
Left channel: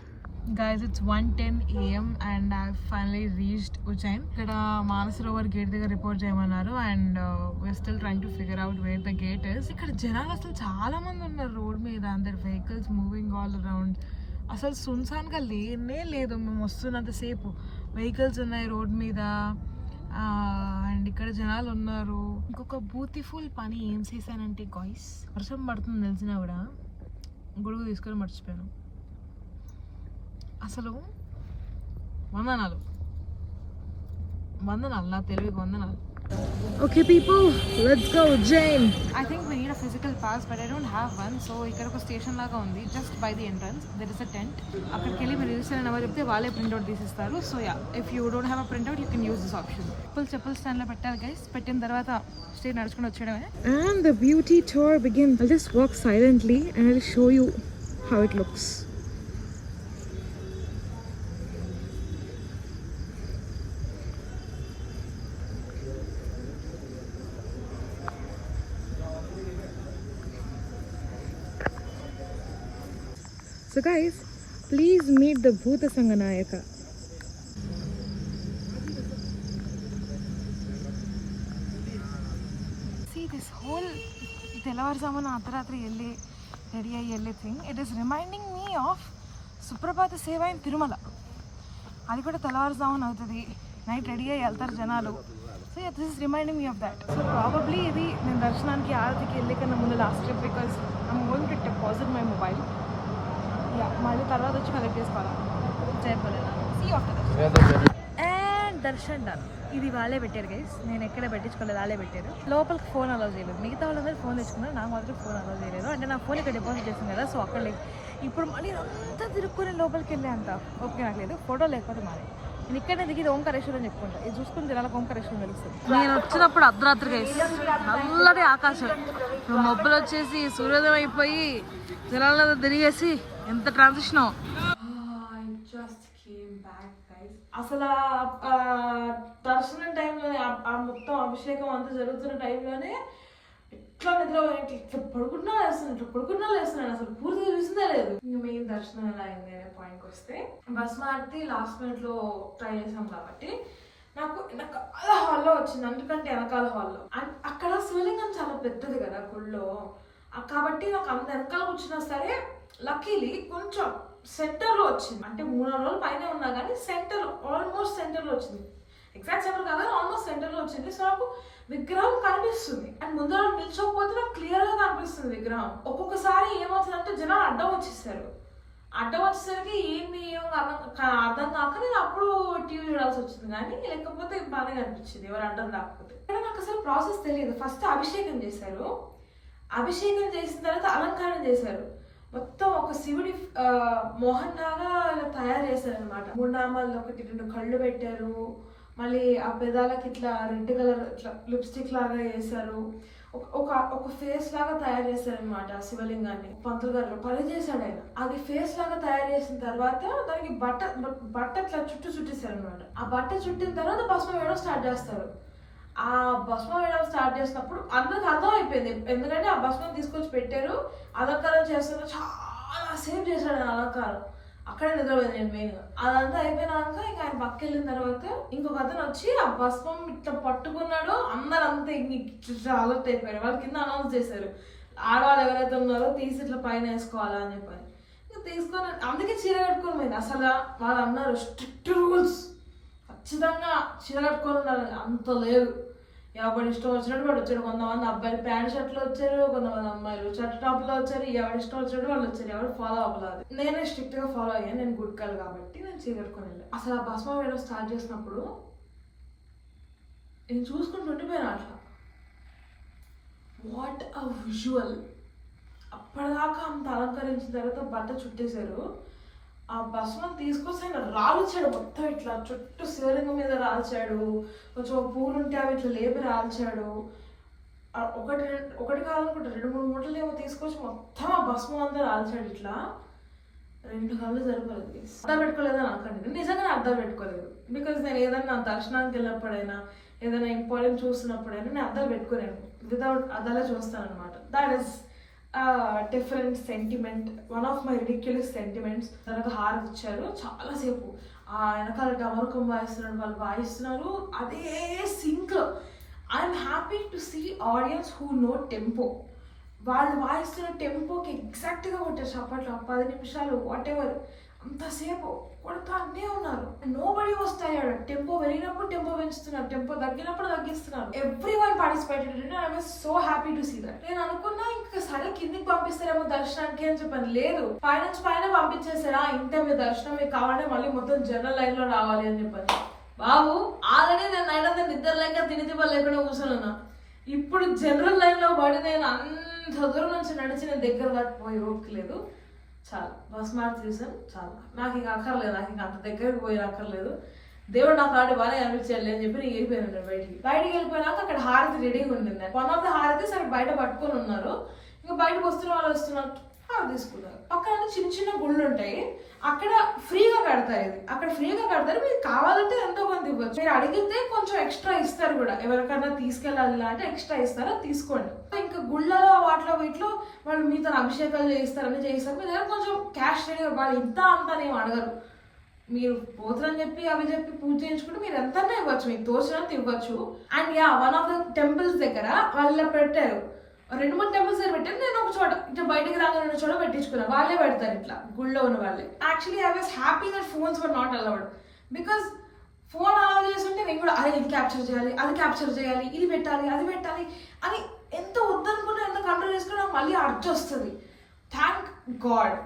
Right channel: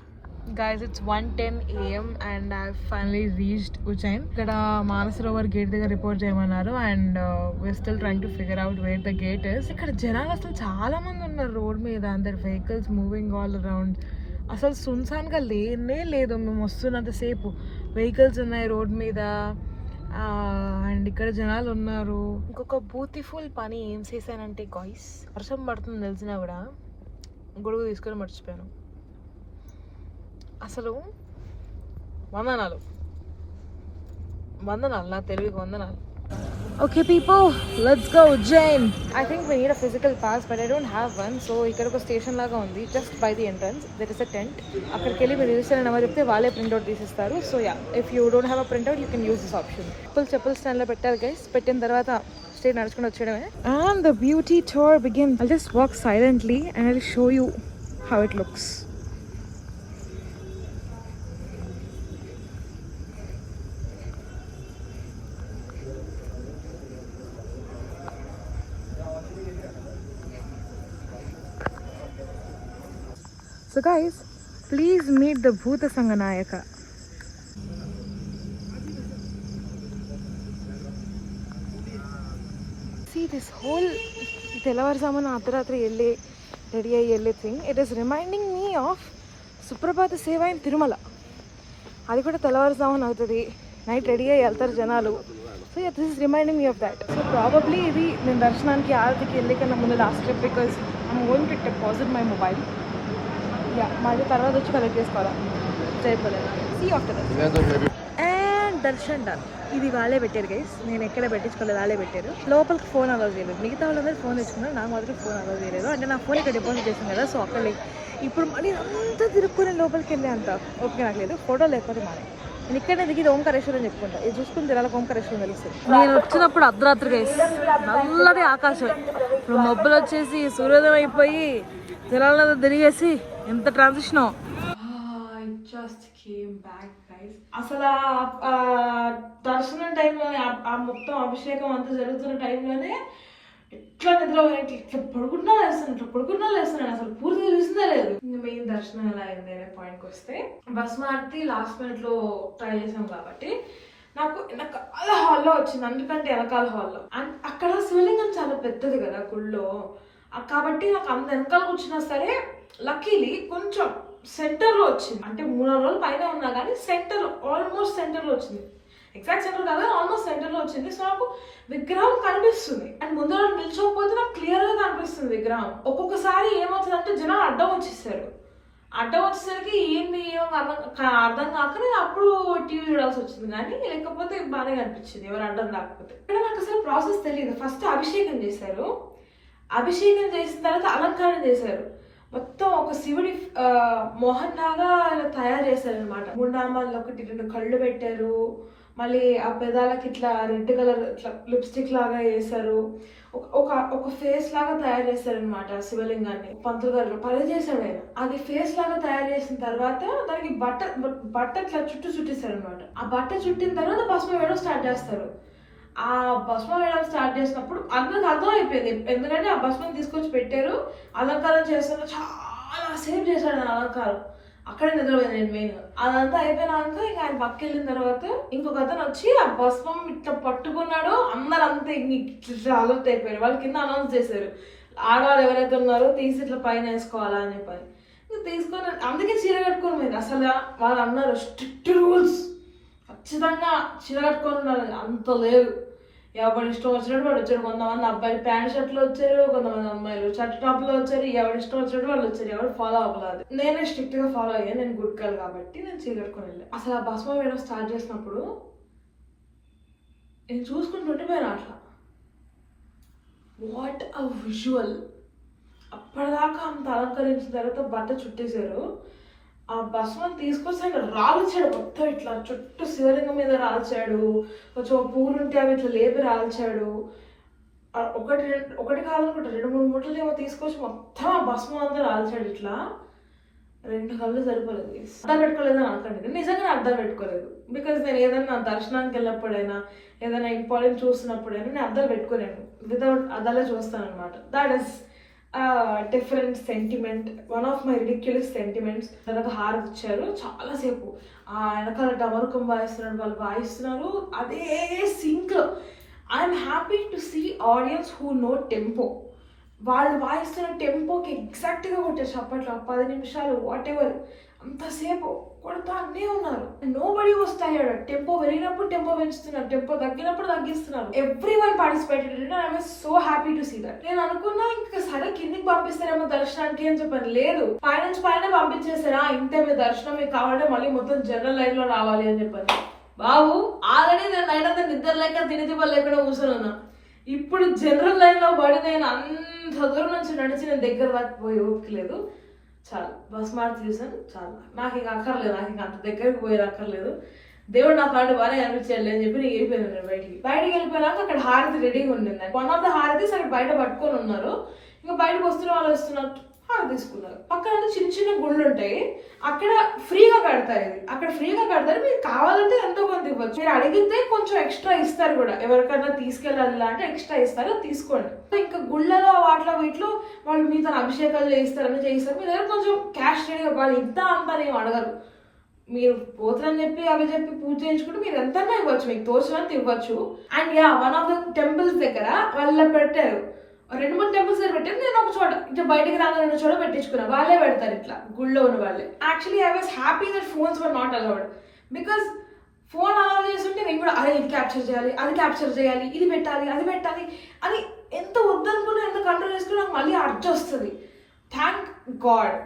Guys, it's 1:10 a.m. and I've finally reached Ujjain. ఇక్కడ Mansarovar gate దగ్గర report చేయమన్నారు and we're still trying to figure out where the gate is. ఇక్కడ జనాలు అసలు చాలా మంది ఉన్నారు road మీద, అందరు వెహికల్స్ మూవింగ్ ఆల్ అరౌండ్. అసలు సున్సాన్గా లేనే లేదు. మేము వస్తున్నంతసేపు వెహికల్స్ ఉన్నాయి రోడ్ మీద అండ్ ఇక్కడ జనాలు ఉన్నారు. ఇంకొక బ్యూటిఫుల్ పని ఏం చేశానంటే గాయ్స్, వర్షం పడుతుంది తెలిసినా కూడా గొడుగు తీసుకొని మర్చిపోయాను. అసలు వందనాలు నా తెలివికి వందనాలు. Okay people, let's go Ujjain. I think we need a physical pass but I don't have one. So ఇక్కడ ఒక స్టేషన్ లాగా ఉంది just by the entrance. There is a tent. అక్కడికి వెళ్ళి మీరు రిజిస్టర్ నెంబర్ చెప్తే వాళ్ళే ప్రింట్అవుట్ తీసిస్తారు. So yeah, if you don't have a printout you can use this option. చెప్పులు స్టాండ్లో పెట్టారు గైస్. పెట్టిన తర్వాత స్టేట్ నడుచుకుని వచ్చేయడమే. And the beauty tour begins. I'll just walk silently and I'll show you how it looks. So guys, please meet the Bhuta Sanganayaka. See this whole తెల్లవారుజామున అర్ధరాత్రి ready అయ్యి వెళ్ళే thing. It is reminding me of సుప్రభాత సేవ in Tirumala. అది కూడా తెల్లవారుజామున అవుతుంది, నైట్ రెడీ అయ్యి వెళ్తారు జనాలు. So this is reminding me of that. So probably ఇది నేను దర్శనానికి ఆరతికి వెళ్ళే కన్నా ముందు last trip, because I'm going to deposit my mobile. Yeah, మళ్ళీ తర్వాత వచ్చి కలెక్ట్ చేసుకోవాలా చేయలేదు. See after and darshan done. ఇది వాళ్ళే పెట్టారు గైస్, నేను ఎక్కడ పెట్టించుకోలేదు, వాళ్ళే పెట్టారు. లోపలికి ఫోన్ అలౌ చేయలేదు. మిగతా వాళ్ళందరూ ఫోన్ తెచ్చుకున్నారు, నాకు మాత్రం ఫోన్ అలౌ చేయలేదు. అంటే నా ఫోన్ ఇక్కడ డిపాజిట్ చేసాను కదా, సో అక్కడ ఇప్పుడు మళ్ళీ అంతా తిరుక్కుని లోపలికి వెళ్ళే అంత ఓకే నాకు లేదు. ఫోటో లేకపోతే మానే నేను ఇక్కడనే దిగి ఓంకారేశ్వరం చెప్పుకుంటా. ఇది చూసుకుని జనాలకు ఓంకారేశ్వరం తెలుస్తుంది. నేను వచ్చినప్పుడు అర్ధరాత్రి గైస్, నల్లటి ఆకాశం, ఇప్పుడు మబ్బులు వచ్చేసి సూర్యోదయం అయిపోయి జనాలంతా తిరిగేసి ఎంత ట్రాన్సిషన్. అసలు దర్శనం టైంలోనే ఆ మొత్తం అభిషేకం అంతా జరుగుతున్న టైంలోనే ఇట్లా నిద్ర ఇట్లా పడుకున్నా లేస్తున్నాను అసలు పూర్తిగా చూసిందే లేదు. ఇంకా మెయిన్ దర్శనం ఎలా అయింది అనే పాయింట్కి వస్తే, భస్మార్తి లాస్ట్ మినిట్ లో ట్రై చేసాం కాబట్టి నాకు వెనకాల హాల్లో వచ్చింది, అందుకంటే వెనకాల హాల్లో. అండ్ అక్కడ శివలింగం చాలా పెద్దది కదా గుళ్ళో, కాబట్టి నాకు అంత వెనకాల కూర్చున్నా సరే లక్కీలీ కొంచెం సెంటర్లో వచ్చింది. అంటే 3 రోజులు పైన ఉన్నా కానీ ఆల్మోస్ట్ సెంటర్లో వచ్చింది. ఎగ్జాక్ట్ సెంటర్ కాదు, ఆల్మోస్ట్ సెంటర్లో వచ్చింది. సో నాకు విగ్రహం కనిపిస్తుంది అండ్ ముందర నిల్చోకపోతే నాకు క్లియర్గా కనిపిస్తుంది విగ్రహం. ఒక్కొక్కసారి ఏమవుతుందంటే జనాలు అడ్డం వచ్చేసరికి ఏంది అర్థం కాక నేను అప్పుడు టీవీ చూడాల్సి వచ్చింది. కానీ లేకపోతే బాగానే కనిపించింది ఎవరు అడ్డం రాకపోతే. ఇక్కడ నాకు అసలు ప్రాసెస్ తెలియదు. ఫస్ట్ అభిషేకం చేశారు, అభిషేకం చేసిన తర్వాత అలంకరణ చేశారు. మొత్తం ఒక శివుడి మోహన్ లాగా ఇలా తయారు చేశారు అనమాట. 3 నామాల్లో 1-2 కళ్ళు పెట్టారు. మళ్ళీ ఆ పెదాలకి ఇట్లా రెడ్ కలర్ ఇట్లా లిప్స్టిక్ లాగా వేశారు. ఒక ఫేస్ లాగా తయారు చేశారు అనమాట శివలింగాన్ని. పంతులు గారు పని చేశాడు ఆయన. అది ఫేస్ లాగా తయారు చేసిన తర్వాత దానికి బట్ట ఇట్లా చుట్టేశారు అనమాట. ఆ బట్ట చుట్టిన తర్వాత భస్మం వేయడం స్టార్ట్ చేస్తారు. ఆ భస్మం వేయడం స్టార్ట్ చేసినప్పుడు అందరికి అర్థం అయిపోయింది, ఎందుకంటే ఆ భస్మం తీసుకొచ్చి పెట్టారు. అలంకారం చేస్తున్న చాలా సేపు చేశాడు ఆ అలంకారం. అక్కడే నిద్రపోయింది నేను మెయిన్. అదంతా అయిపోయినాక ఇంకా ఆయన పక్క వెళ్ళిన తర్వాత ఇంకొక అతను వచ్చి ఆ భస్మం ఇట్లా పట్టుకున్నాడు. అందరంతా ఇట్లా అలర్ట్ అయిపోయారు. వాళ్ళ కింద అనౌన్స్ చేశారు, ఆడవాళ్ళు ఎవరైతే ఉన్నారో తీసి ఇట్లా పైన వేసుకోవాలా అని చెప్పని. ఇంకా తీసుకొని అందుకే చీర కట్టుకొని పోయింది. అసలు వాళ్ళు అన్నారు స్ట్రిక్ట్ రూల్స్, ఖచ్చితంగా చీర కట్టుకొని ఉన్నారు. అంత లేదు, ఎవరి ఇష్టం వచ్చినట్టు వాడు వచ్చాడు. కొంతమంది అబ్బాయిలు ప్యాంట్ షర్ట్లో వచ్చారు, కొంతమంది అమ్మాయిలు షర్ట్ టాప్లో వచ్చారు. ఎవరి ఇష్టం వచ్చినట్టు వాళ్ళు వచ్చారు, ఎవరు ఫాలో అవ్వలేదు. నేనే స్ట్రిక్ట్ గా ఫాలో అయ్యాను, నేను గుడ్ గర్ల్ కాబట్టి నేను చీర కట్టుకొని వెళ్ళాను. అసలు ఆ భస్మం వేయడం స్టార్ట్ చేసినప్పుడు నేను చూసుకుంటూ ఉండిపోయాను అట్లా. What a visual. అప్పటిదాకా అంత అలంకరించిన తర్వాత బట్ట చుట్టేశారు. ఆ భస్మం తీసుకొచ్చి ఆయన రాల్చాడు మొత్తం ఇట్లా చుట్టూ శివలింగం మీద రాల్చాడు. కొంచెం పువ్వులు ఉంటే అవి ఇట్లా లేపి రాల్చాడు. ఒకటి కాదనుకుంటా 2-3 మూటలు ఏమో తీసుకొచ్చి మొత్తం ఆ భస్మం అంతా రాల్చాడు. ఇట్లా 2 కళ్ళు సరిపోలేదు. అర్థం పెట్టుకోలేదని అనుకోండి, నిజంగా అర్థం పెట్టుకోలేదు. బికాజ్ నేను ఏదైనా దర్శనానికి వెళ్ళినప్పుడైనా ఏదైనా ఇంపార్టెంట్ చూస్తున్నప్పుడైనా నేను అర్థం పెట్టుకోలేను. వితౌట్ అద్దాలే చూస్తాను అనమాట. That is different sentiment, one of my ridiculous sentiments. తర్వాత హారతి ఇచ్చారు, చాలాసేపు ఆ వెనకాల డమరుకం వాయిస్తున్నారు, వాళ్ళు వాయిస్తున్నారు అదే sync. I'm happy to see audience who know tempo. వాళ్ళు వాయిస్తున్న టెంపోకి ఎగ్జాక్ట్గా కొట్టారు చప్పట్లో, 10 నిమిషాలు వాట్ ఎవర్ అంతసేపు కొడతానే ఉన్నారు. Nobody was tired. Tempo పెరిగినప్పుడు టెంపో పెంచుతున్నారు, టెంపో తగ్గినప్పుడు తగ్గిస్తున్నారు. Everyone participated and I was so happy to see that. నేను అనుకున్నా ఇంకా సరే కిందికి పంపిస్తారేమో దర్శనానికి అని చెప్పాను. లేదు, పైన పంపించేస్తారా, ఇంతే మీ దర్శనం, మీకు కావాలంటే మళ్ళీ మొత్తం జనరల్ లైన్ లో రావాలి అని చెప్పాను. బాబు ఆల్రెడీ నేను నైట్ అంతా నిద్ర లేక తినిదివ్వ లేకుండా కూర్చోనున్నా. ఇప్పుడు జనరల్ లైన్ లో పడి నేను అంత దూరం నుంచి నడిచి నేను దగ్గర దాకా పోయి ఓపికలేదు. చాలు, బస్ మార్చి చూసాను, చాలు, నాకు ఇంకా అక్కర్లేదు, నాకు ఇంకా అంత దగ్గరికి పోయి అక్కర్లేదు. దేవుడు నా ప్రాణి బాగా అనిపించాలి అని చెప్పి నేను వెళ్ళిపోయాను. నేను బయటికి వెళ్ళిపోయినాక అక్కడ హారతి రెడీగా ఉండింది. వన్ ఆఫ్ ద హారతీస్ అక్కడ బయట పట్టుకొని ఉన్నారు. ఇంకా బయటకు వస్తున్న వాళ్ళు వస్తున్నారు, హారతి తీసుకున్నారు. పక్కన చిన్న చిన్న గుళ్ళు ఉంటాయి, అక్కడ ఫ్రీగా కడతారు. ఇది అక్కడ ఫ్రీగా కడతారు, మీకు కావాలంటే ఎంతో కొంత ఇవ్వచ్చు. మీరు అడిగితే కొంచెం ఎక్స్ట్రా ఇస్తారు కూడా, ఎవరికైనా తీసుకెళ్ళాలి అంటే ఎక్స్ట్రా ఇస్తారు, తీసుకోండి. ఇంకా గుళ్ళలో వాటిలో వీటిలో వాళ్ళు మీతో అభిషేకాలు చేయిస్తారు, చేయిస్తారు. మీ దగ్గర కొంచెం క్యాష్ రెడీగా, వాళ్ళు ఇంత అంతా నేను అడగరు. మీరు పోతారని చెప్పి అవి చెప్పి పూజ చేయించుకుంటే మీరు ఎంతైనా ఇవ్వచ్చు, మీకు తోచినంత ఇవ్వచ్చు. And yeah, one of the temples దగ్గర వాళ్ళు పెట్టారు, 2-3 టెంపుల్స్ దగ్గర పెట్టారు. నేను ఒక చోట ఇట్లా బయటకు రాగా 2 చోట పెట్టించుకున్నా. వాళ్ళే పెడతారు ఇట్లా గుళ్ళో ఉన్న వాళ్ళే. Actually I was happy that phones were not allowed. Because phone allow చేస్తుంటే నేను కూడా అరే ఇది క్యాప్చర్ చేయాలి, అది క్యాప్చర్ చేయాలి, ఇది పెట్టాలి, అది పెట్టాలి అని ఎంత వద్దనుకున్నా, ఎంత కంట్రోల్ చేసుకుని నాకు మళ్ళీ అడ్జస్ట్ వస్తుంది. Thank God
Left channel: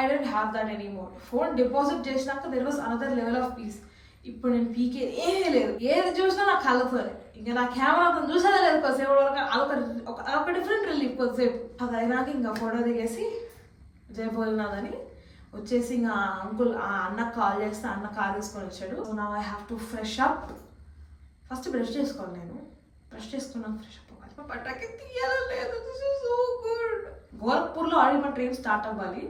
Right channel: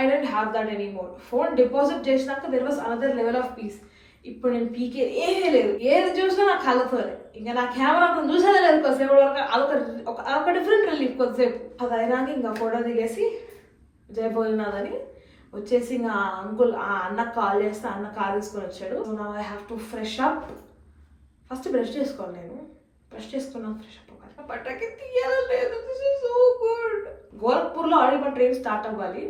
I don't have that anymore. Phone deposit చేసినాక there was another level of peace. ఇప్పుడు నేను పీకే ఏమీ లేదు, ఏది చూసినా నా కళ్ళతోనే. ఇంకా నా కెమెరా చూసేదే లేదు కొద్దిసేపు వరకు. అదొక డిఫరెంట్ రిలీఫ్ కొద్దిసేపు. అది అయినాక ఇంకా ఫోటో దిగేసి జయ భోలేనాథ్ అని వచ్చేసి ఇంకా అంకుల్ ఆ అన్నకు కాల్ చేస్తే అన్న కార్ తీసుకొని వచ్చాడు. So now I have to fresh up. First brush చేసుకోవాలి, నేను బ్రష్ చేసుకున్నాను, ఫ్రెష్ అప్ అవ్వాలి. బట్టకి తీయాలలేదు. This is so good. గోరఖ్పూర్లో ఆల్రెడీ మన ట్రైన్ స్టార్ట్ అవ్వాలి,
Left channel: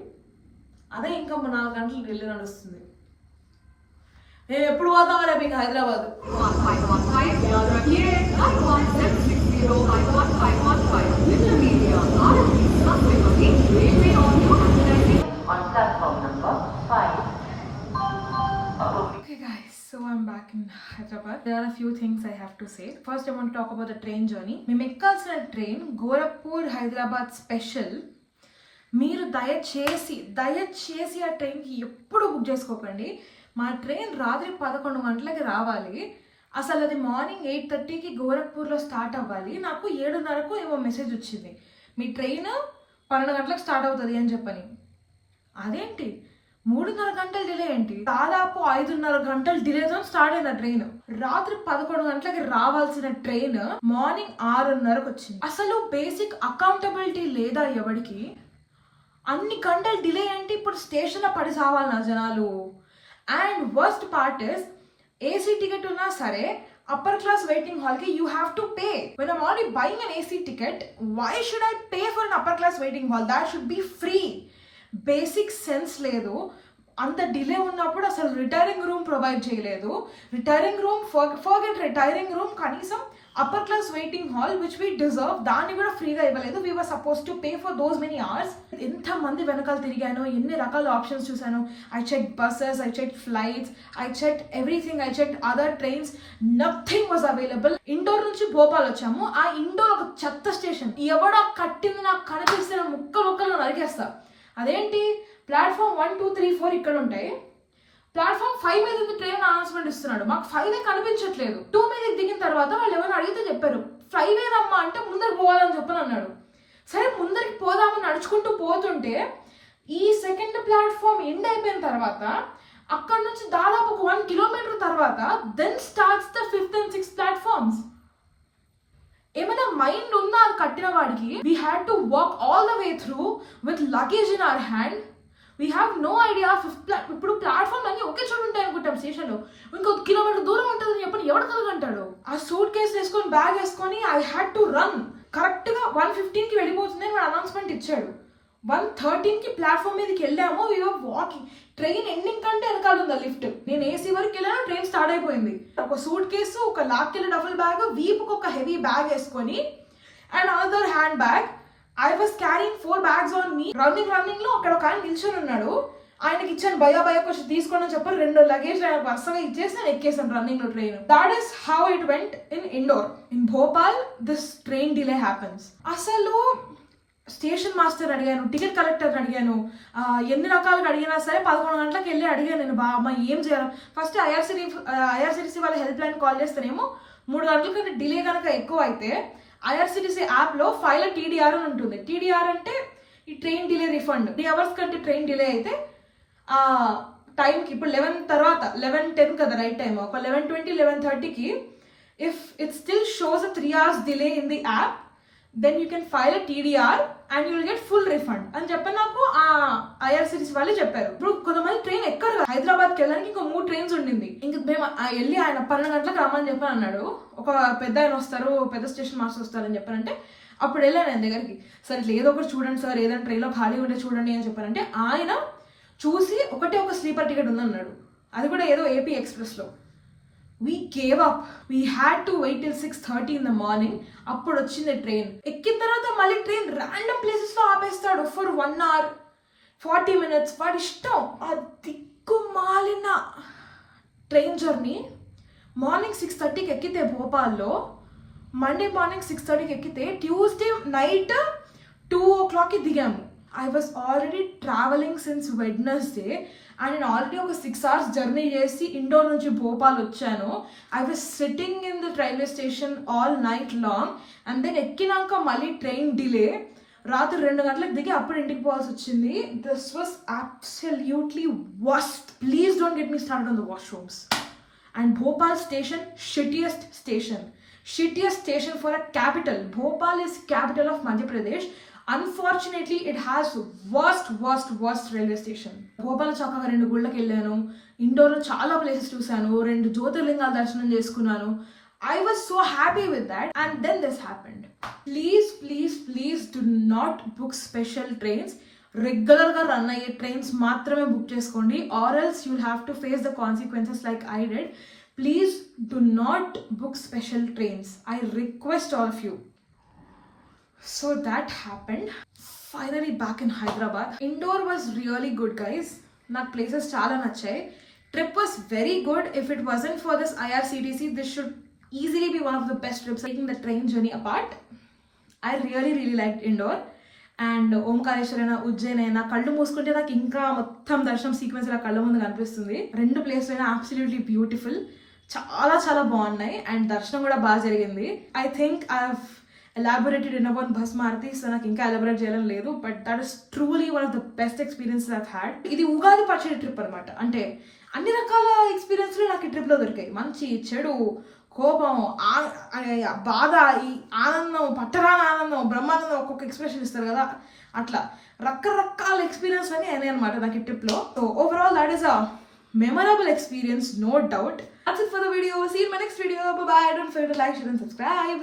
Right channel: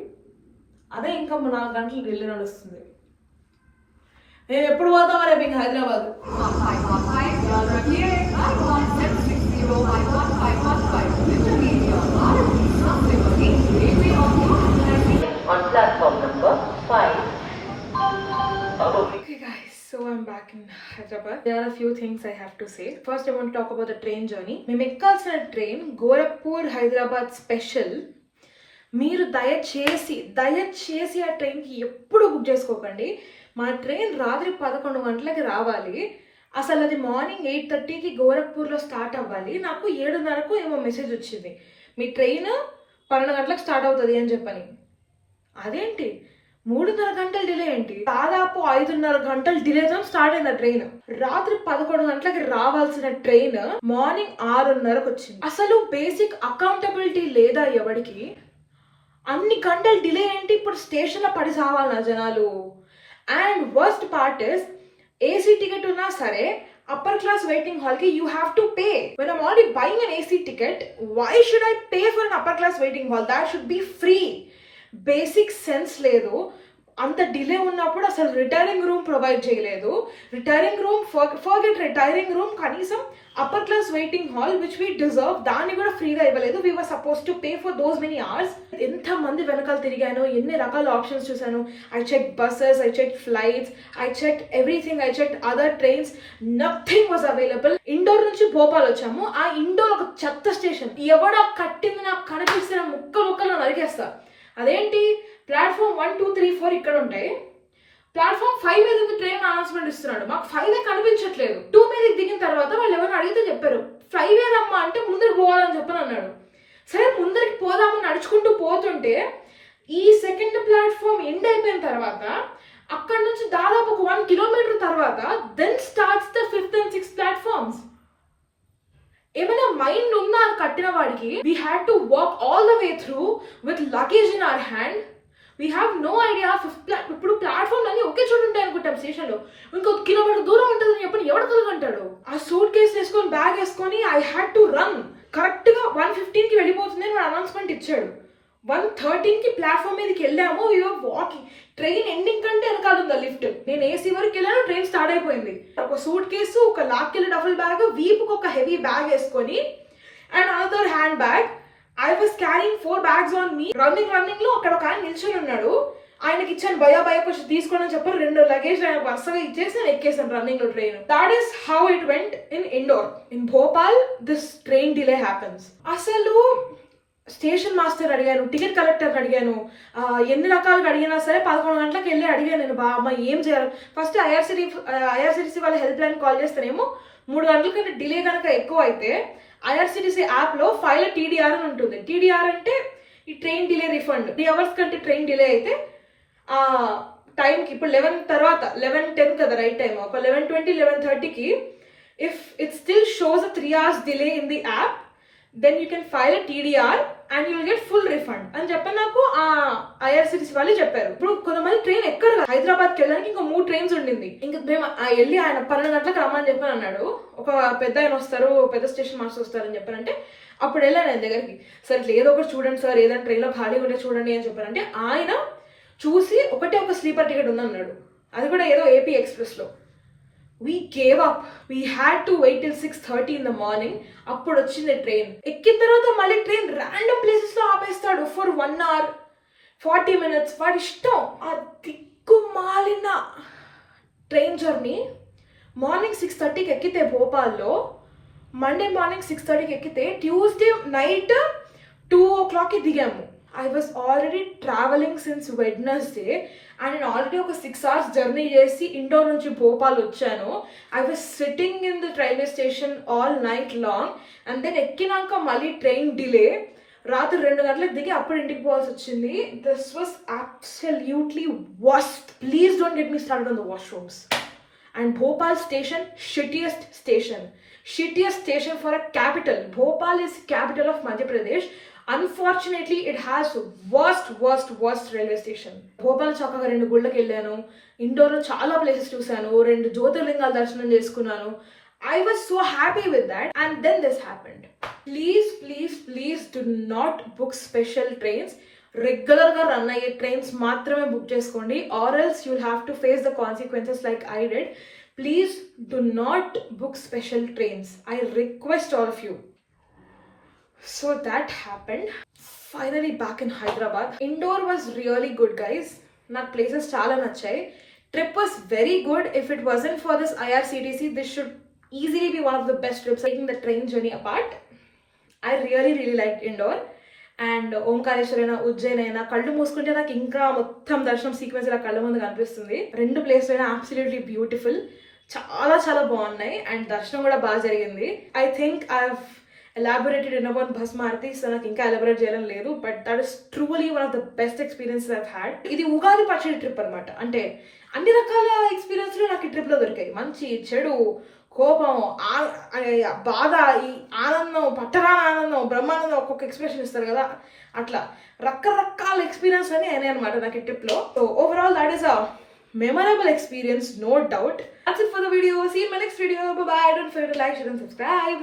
అదే ఇంకా 4 గంటలు ఢిల్లీ నడుస్తుంది. మేము ఎప్పుడు పోతామో రేపు ఇంకా Hyderabad. Okay guys, so I'm back in Hyderabad. There are a few things I have to say. First, I want to talk about the train journey. మేము ఎక్కాల్సిన ట్రైన్ గోరఖ్పూర్ హైదరాబాద్ స్పెషల్. మీరు దయచేసి ఆ ట్రైన్కి ఎప్పుడు బుక్ చేసుకోకండి. మా ట్రైన్ రాత్రి 11 గంటలకి రావాలి. అసలు అది మార్నింగ్ 8:30కి గోరఖ్పూర్లో స్టార్ట్ అవ్వాలి. నాకు 7:30కు ఏమో మెసేజ్ వచ్చింది, మీ ట్రైన్ 12 గంటలకు స్టార్ట్ అవుతుంది అని చెప్పని. అదేంటి 3.5 గంటల డిలే ఏంటి? దాదాపు 5.5 గంటల డిలేతో స్టార్ట్ అయింది ఆ ట్రైన్. రాత్రి 11 గంటలకి రావాల్సిన ట్రైన్ మార్నింగ్ 6:30కు వచ్చింది. అసలు బేసిక్ అకౌంటబిలిటీ లేదా ఎవరికి? అన్ని గంటలు డిలే ఏంటి? ఇప్పుడు స్టేషన్లో పడి సావాలి నా జనాలు. And worst part is, AC ticket ఉన్నా సరే అప్పర్ క్లాస్ వెయిటింగ్ హాల్కి you have to pay. When I'm already buying an AC ticket, why should I pay for an upper class waiting hall? That should be free. Basic sense లేదు. అంత delay ఉన్నప్పుడు అసలు retiring room provide చేయలేదు. Retiring room forget retiring room, కనీసం upper class waiting hall which we deserve దాన్ని కూడా ఫ్రీగా ఇవ్వలేదు. We were supposed to pay for those many hours. ఎంత మంది వెనకాల తిరిగాను, ఎన్ని రకాల ఆప్షన్స్ చూసాను. I check buses, I check flights, I check everything, I check other trains, nothing was available. Indore నుంచి భోపాల్ వచ్చాము. ఆ ఇండోర్ ఒక చెత్త స్టేషన్. ఎవడో కట్టింది నాకు కనిపిస్తే ముక్కలు నరికేస్తా. అదేంటి, ప్లాట్ఫామ్ 1, 2, 3, 4 ఇక్కడ ఉంటాయి, ప్లాట్ఫామ్ 5 మీద ఉంది ట్రైన్ అనౌన్స్మెంట్ ఇస్తున్నాడు. మాకు 5 కనిపించట్లేదు. 2 మీదకి దిగిన తర్వాత వాళ్ళు ఎవరు అడిగితే చెప్పారు 5 రమ్మా అంటే ముందరికి పోవాలని చెప్పని అన్నాడు. సరే ముందరికి పోదాము నడుచుకుంటూ పోతుంటే ఈ సెకండ్ ప్లాట్ఫామ్ ఎండ్ అయిపోయిన తర్వాత అక్కడ నుంచి దాదాపు ఒక 1 కిలోమీటర్ తర్వాత then starts the 5th and 6th platforms. ఏమైనా మైండ్ ఉందా అది కట్టిన వాడికి? We had to walk all the way through with luggage in our hand. We have no idea. ఇప్పుడు ప్లాట్ఫామ్ అన్ని ఒకే చోటు ఉంటాయి అనుకుంటాం స్టేషన్లో, ఇంకొక కిలోమీటర్ దూరం ఉంటుందని చెప్పని ఎవడు కలగంటాడు? ఆ సూట్ కేసు వేసుకొని బ్యాగ్ వేసుకొని ఐ హ్యాడ్ టు రన్. కరెక్ట్గా 1:15కి వెళ్ళిపోతుంది అని వాడు అనౌన్స్మెంట్ ఇచ్చాడు. 1:13కి ప్లాట్ఫామ్ మీదకి వెళ్ళాము. We are walking. ట్రైన్ ఎండింగ్ కంటే వెనకాల ఉందా లిఫ్ట్. నేను ఏసీ వరకు వెళ్ళాను, ట్రైన్ స్టార్ట్ అయిపోయింది. ఒక సూట్ కేసు, ఒక లాక్కెళ్ళి డబుల్ బ్యాగ్, వీపుకు ఒక హెవీ బ్యాగ్ వేసుకొని and another hand bag I was carrying 4 bags on me. Running లో అక్కడ ఒక ఆయన నిల్చొని ఉన్నాడు. ఆయనకి ఇచ్చాను భయ కొంచెం తీసుకోండి అని చెప్పారు. 2 లగేజ్ ఆయన వరుసగా ఇచ్చేసి నేను ఎక్కేసాను రన్నింగ్ లో train. That is how it went in Indore. In Bhopal this train delay happens. అసలు స్టేషన్ మాస్టర్ అడిగాను, టికెట్ కలెక్టర్ అడిగాను, ఎన్ని రకాలుగా అడిగినా సరే 11 గంటలకు వెళ్ళి అడిగాను నేను, అమ్మ ఏం చేయాలి. ఫస్ట్ ఐఆర్సిటీసీ వాళ్ళ హెల్ప్ లైన్ కాల్ చేస్తేనేమో 3 గంటల కంటే డిలే కనుక ఎక్కువ అయితే ఐఆర్సిటీసీ యాప్లో ఫైల్ TDR అని ఉంటుంది. TDR అంటే ఈ ట్రైన్ డిలే రిఫండ్. 3 hours కంటే ట్రైన్ డిలే అయితే టైంకి ఇప్పుడు 11 తర్వాత 11:10 కదా రైట్ టైం, ఒక 11:20 11:30కి if it still shows 3 hours delay in the app then you can file TDR and you will get full refund అని చెప్పి నాకు ఐఆర్సిటీసీ వాళ్ళు చెప్పారు. ఇప్పుడు కొంతమంది ట్రైన్ ఎక్కరు. హైదరాబాద్కి వెళ్ళడానికి ఇంకో 3 trains ఉండింది. ఇంకా మేము వెళ్ళి ఆయన 12 గంటలకు రమ్మని చెప్పని అన్నాడు. ఒక పెద్ద ఆయన వస్తారు, పెద్ద స్టేషన్ మాస్టర్ వస్తారని చెప్పారంటే అప్పుడు వెళ్ళాను ఆయన దగ్గరికి. సార్ ఇట్లా ఏదో ఒకటి చూడండి సార్, ఏదైనా ట్రైన్లో ఖాళీ ఉంటే చూడండి అని చెప్పారంటే ఆయన చూసి ఒక స్లీపర్ టికెట్ ఉందన్నాడు. అది కూడా ఏదో AP ఎక్స్ప్రెస్లో. We gave up. We had to wait till 6:30 in the morning. అప్పుడు వచ్చింది ట్రైన్. ఎక్కిన తర్వాత మళ్ళీ ట్రైన్ ర్యాండమ్ ప్లేసెస్లో ఆపేస్తాడు ఫర్ 1 hour 40 minutes. వాడి ఇష్టం. ఆ దిక్కుమాలిన ట్రైన్ జర్నీ మార్నింగ్ 6:30కి ఎక్కితే భోపాల్లో, మండే మార్నింగ్ 6:30కి ఎక్కితే ట్యూస్డే నైట్ 2 o'clockకి దిగాము. I was already traveling since Wednesday and నేను ఆల్రెడీ ఒక 6 hours జర్నీ చేసి ఇండోర్ నుంచి భోపాల్ వచ్చాను. I was sitting in the railway station all night long and then ఎక్కినాక మళ్ళీ ట్రైన్ డిలే, రాత్రి 2 గంటలకు దిగి అప్పుడు ఇంటికి పోవాల్సి వచ్చింది. This was absolutely worst. Please don't get me started on the washrooms. And Bhopal station shittiest station for a capital. Bhopal is capital of Madhya Pradesh. Unfortunately, it has worst railway station. Bhopal చక్కగా 2 గుళ్ళకి వెళ్ళాను, ఇండోర్లో చాలా ప్లేసెస్ చూశాను, 2 జ్యోతిర్లింగాల దర్శనం చేసుకున్నాను. I was so happy with that and then this happened. Please do not book special trains. రెగ్యులర్గా run అయ్యే trains మాత్రమే బుక్ చేసుకోండి, or else you'll have to face the consequences like I did. Please do not book special trains. I request all of you. So that happened. Finally back in Hyderabad. Indore was really good, guys. నాకు places చాలా నచ్చాయి. Trip was very good. If it wasn't for this IRCTC, this should easily be one of the best trips, taking the train journey apart. I really liked Indore. And ఓంకారేశ్వరైనా ఉజ్జయిన్ అయినా కళ్ళు మూసుకుంటే నాకు ఇంకా మొత్తం దర్శనం సీక్వెన్స్ ఇలా కళ్ళ ముందు కనిపిస్తుంది. 2 ప్లేస్లు అయినా అబ్సల్యూట్లీ బ్యూటిఫుల్, చాలా బాగున్నాయి అండ్ దర్శనం కూడా బాగా జరిగింది. I think I have elaborated enough on Bhasmarti, సో నాకు ఇంకా ఎలాబరేట్ చేయడం లేదు. But that is truly one of the best experiences I've had. ఇది ఉగాది పచ్చడి ట్రిప్ అనమాట. అంటే అన్ని రకాల ఎక్స్పీరియన్స్లు నాకు ఈ ట్రిప్లో దొరికాయి. మంచి, చెడు, కోపం, బాధ, ఈ ఆనందం, పట్టరాని ఆనందం, బ్రహ్మానందం, ఒక్కొక్క ఎక్స్ప్రెషన్ ఇస్తారు కదా, అట్లా రకరకాల ఎక్స్పీరియన్స్ అన్నీ అయినాయి అనమాట నాకు ఈ ట్రిప్లో. So overall that is a memorable experience, no doubt. That's it for the video. See you in my next video. Bye bye. Don't forget to like, share and subscribe.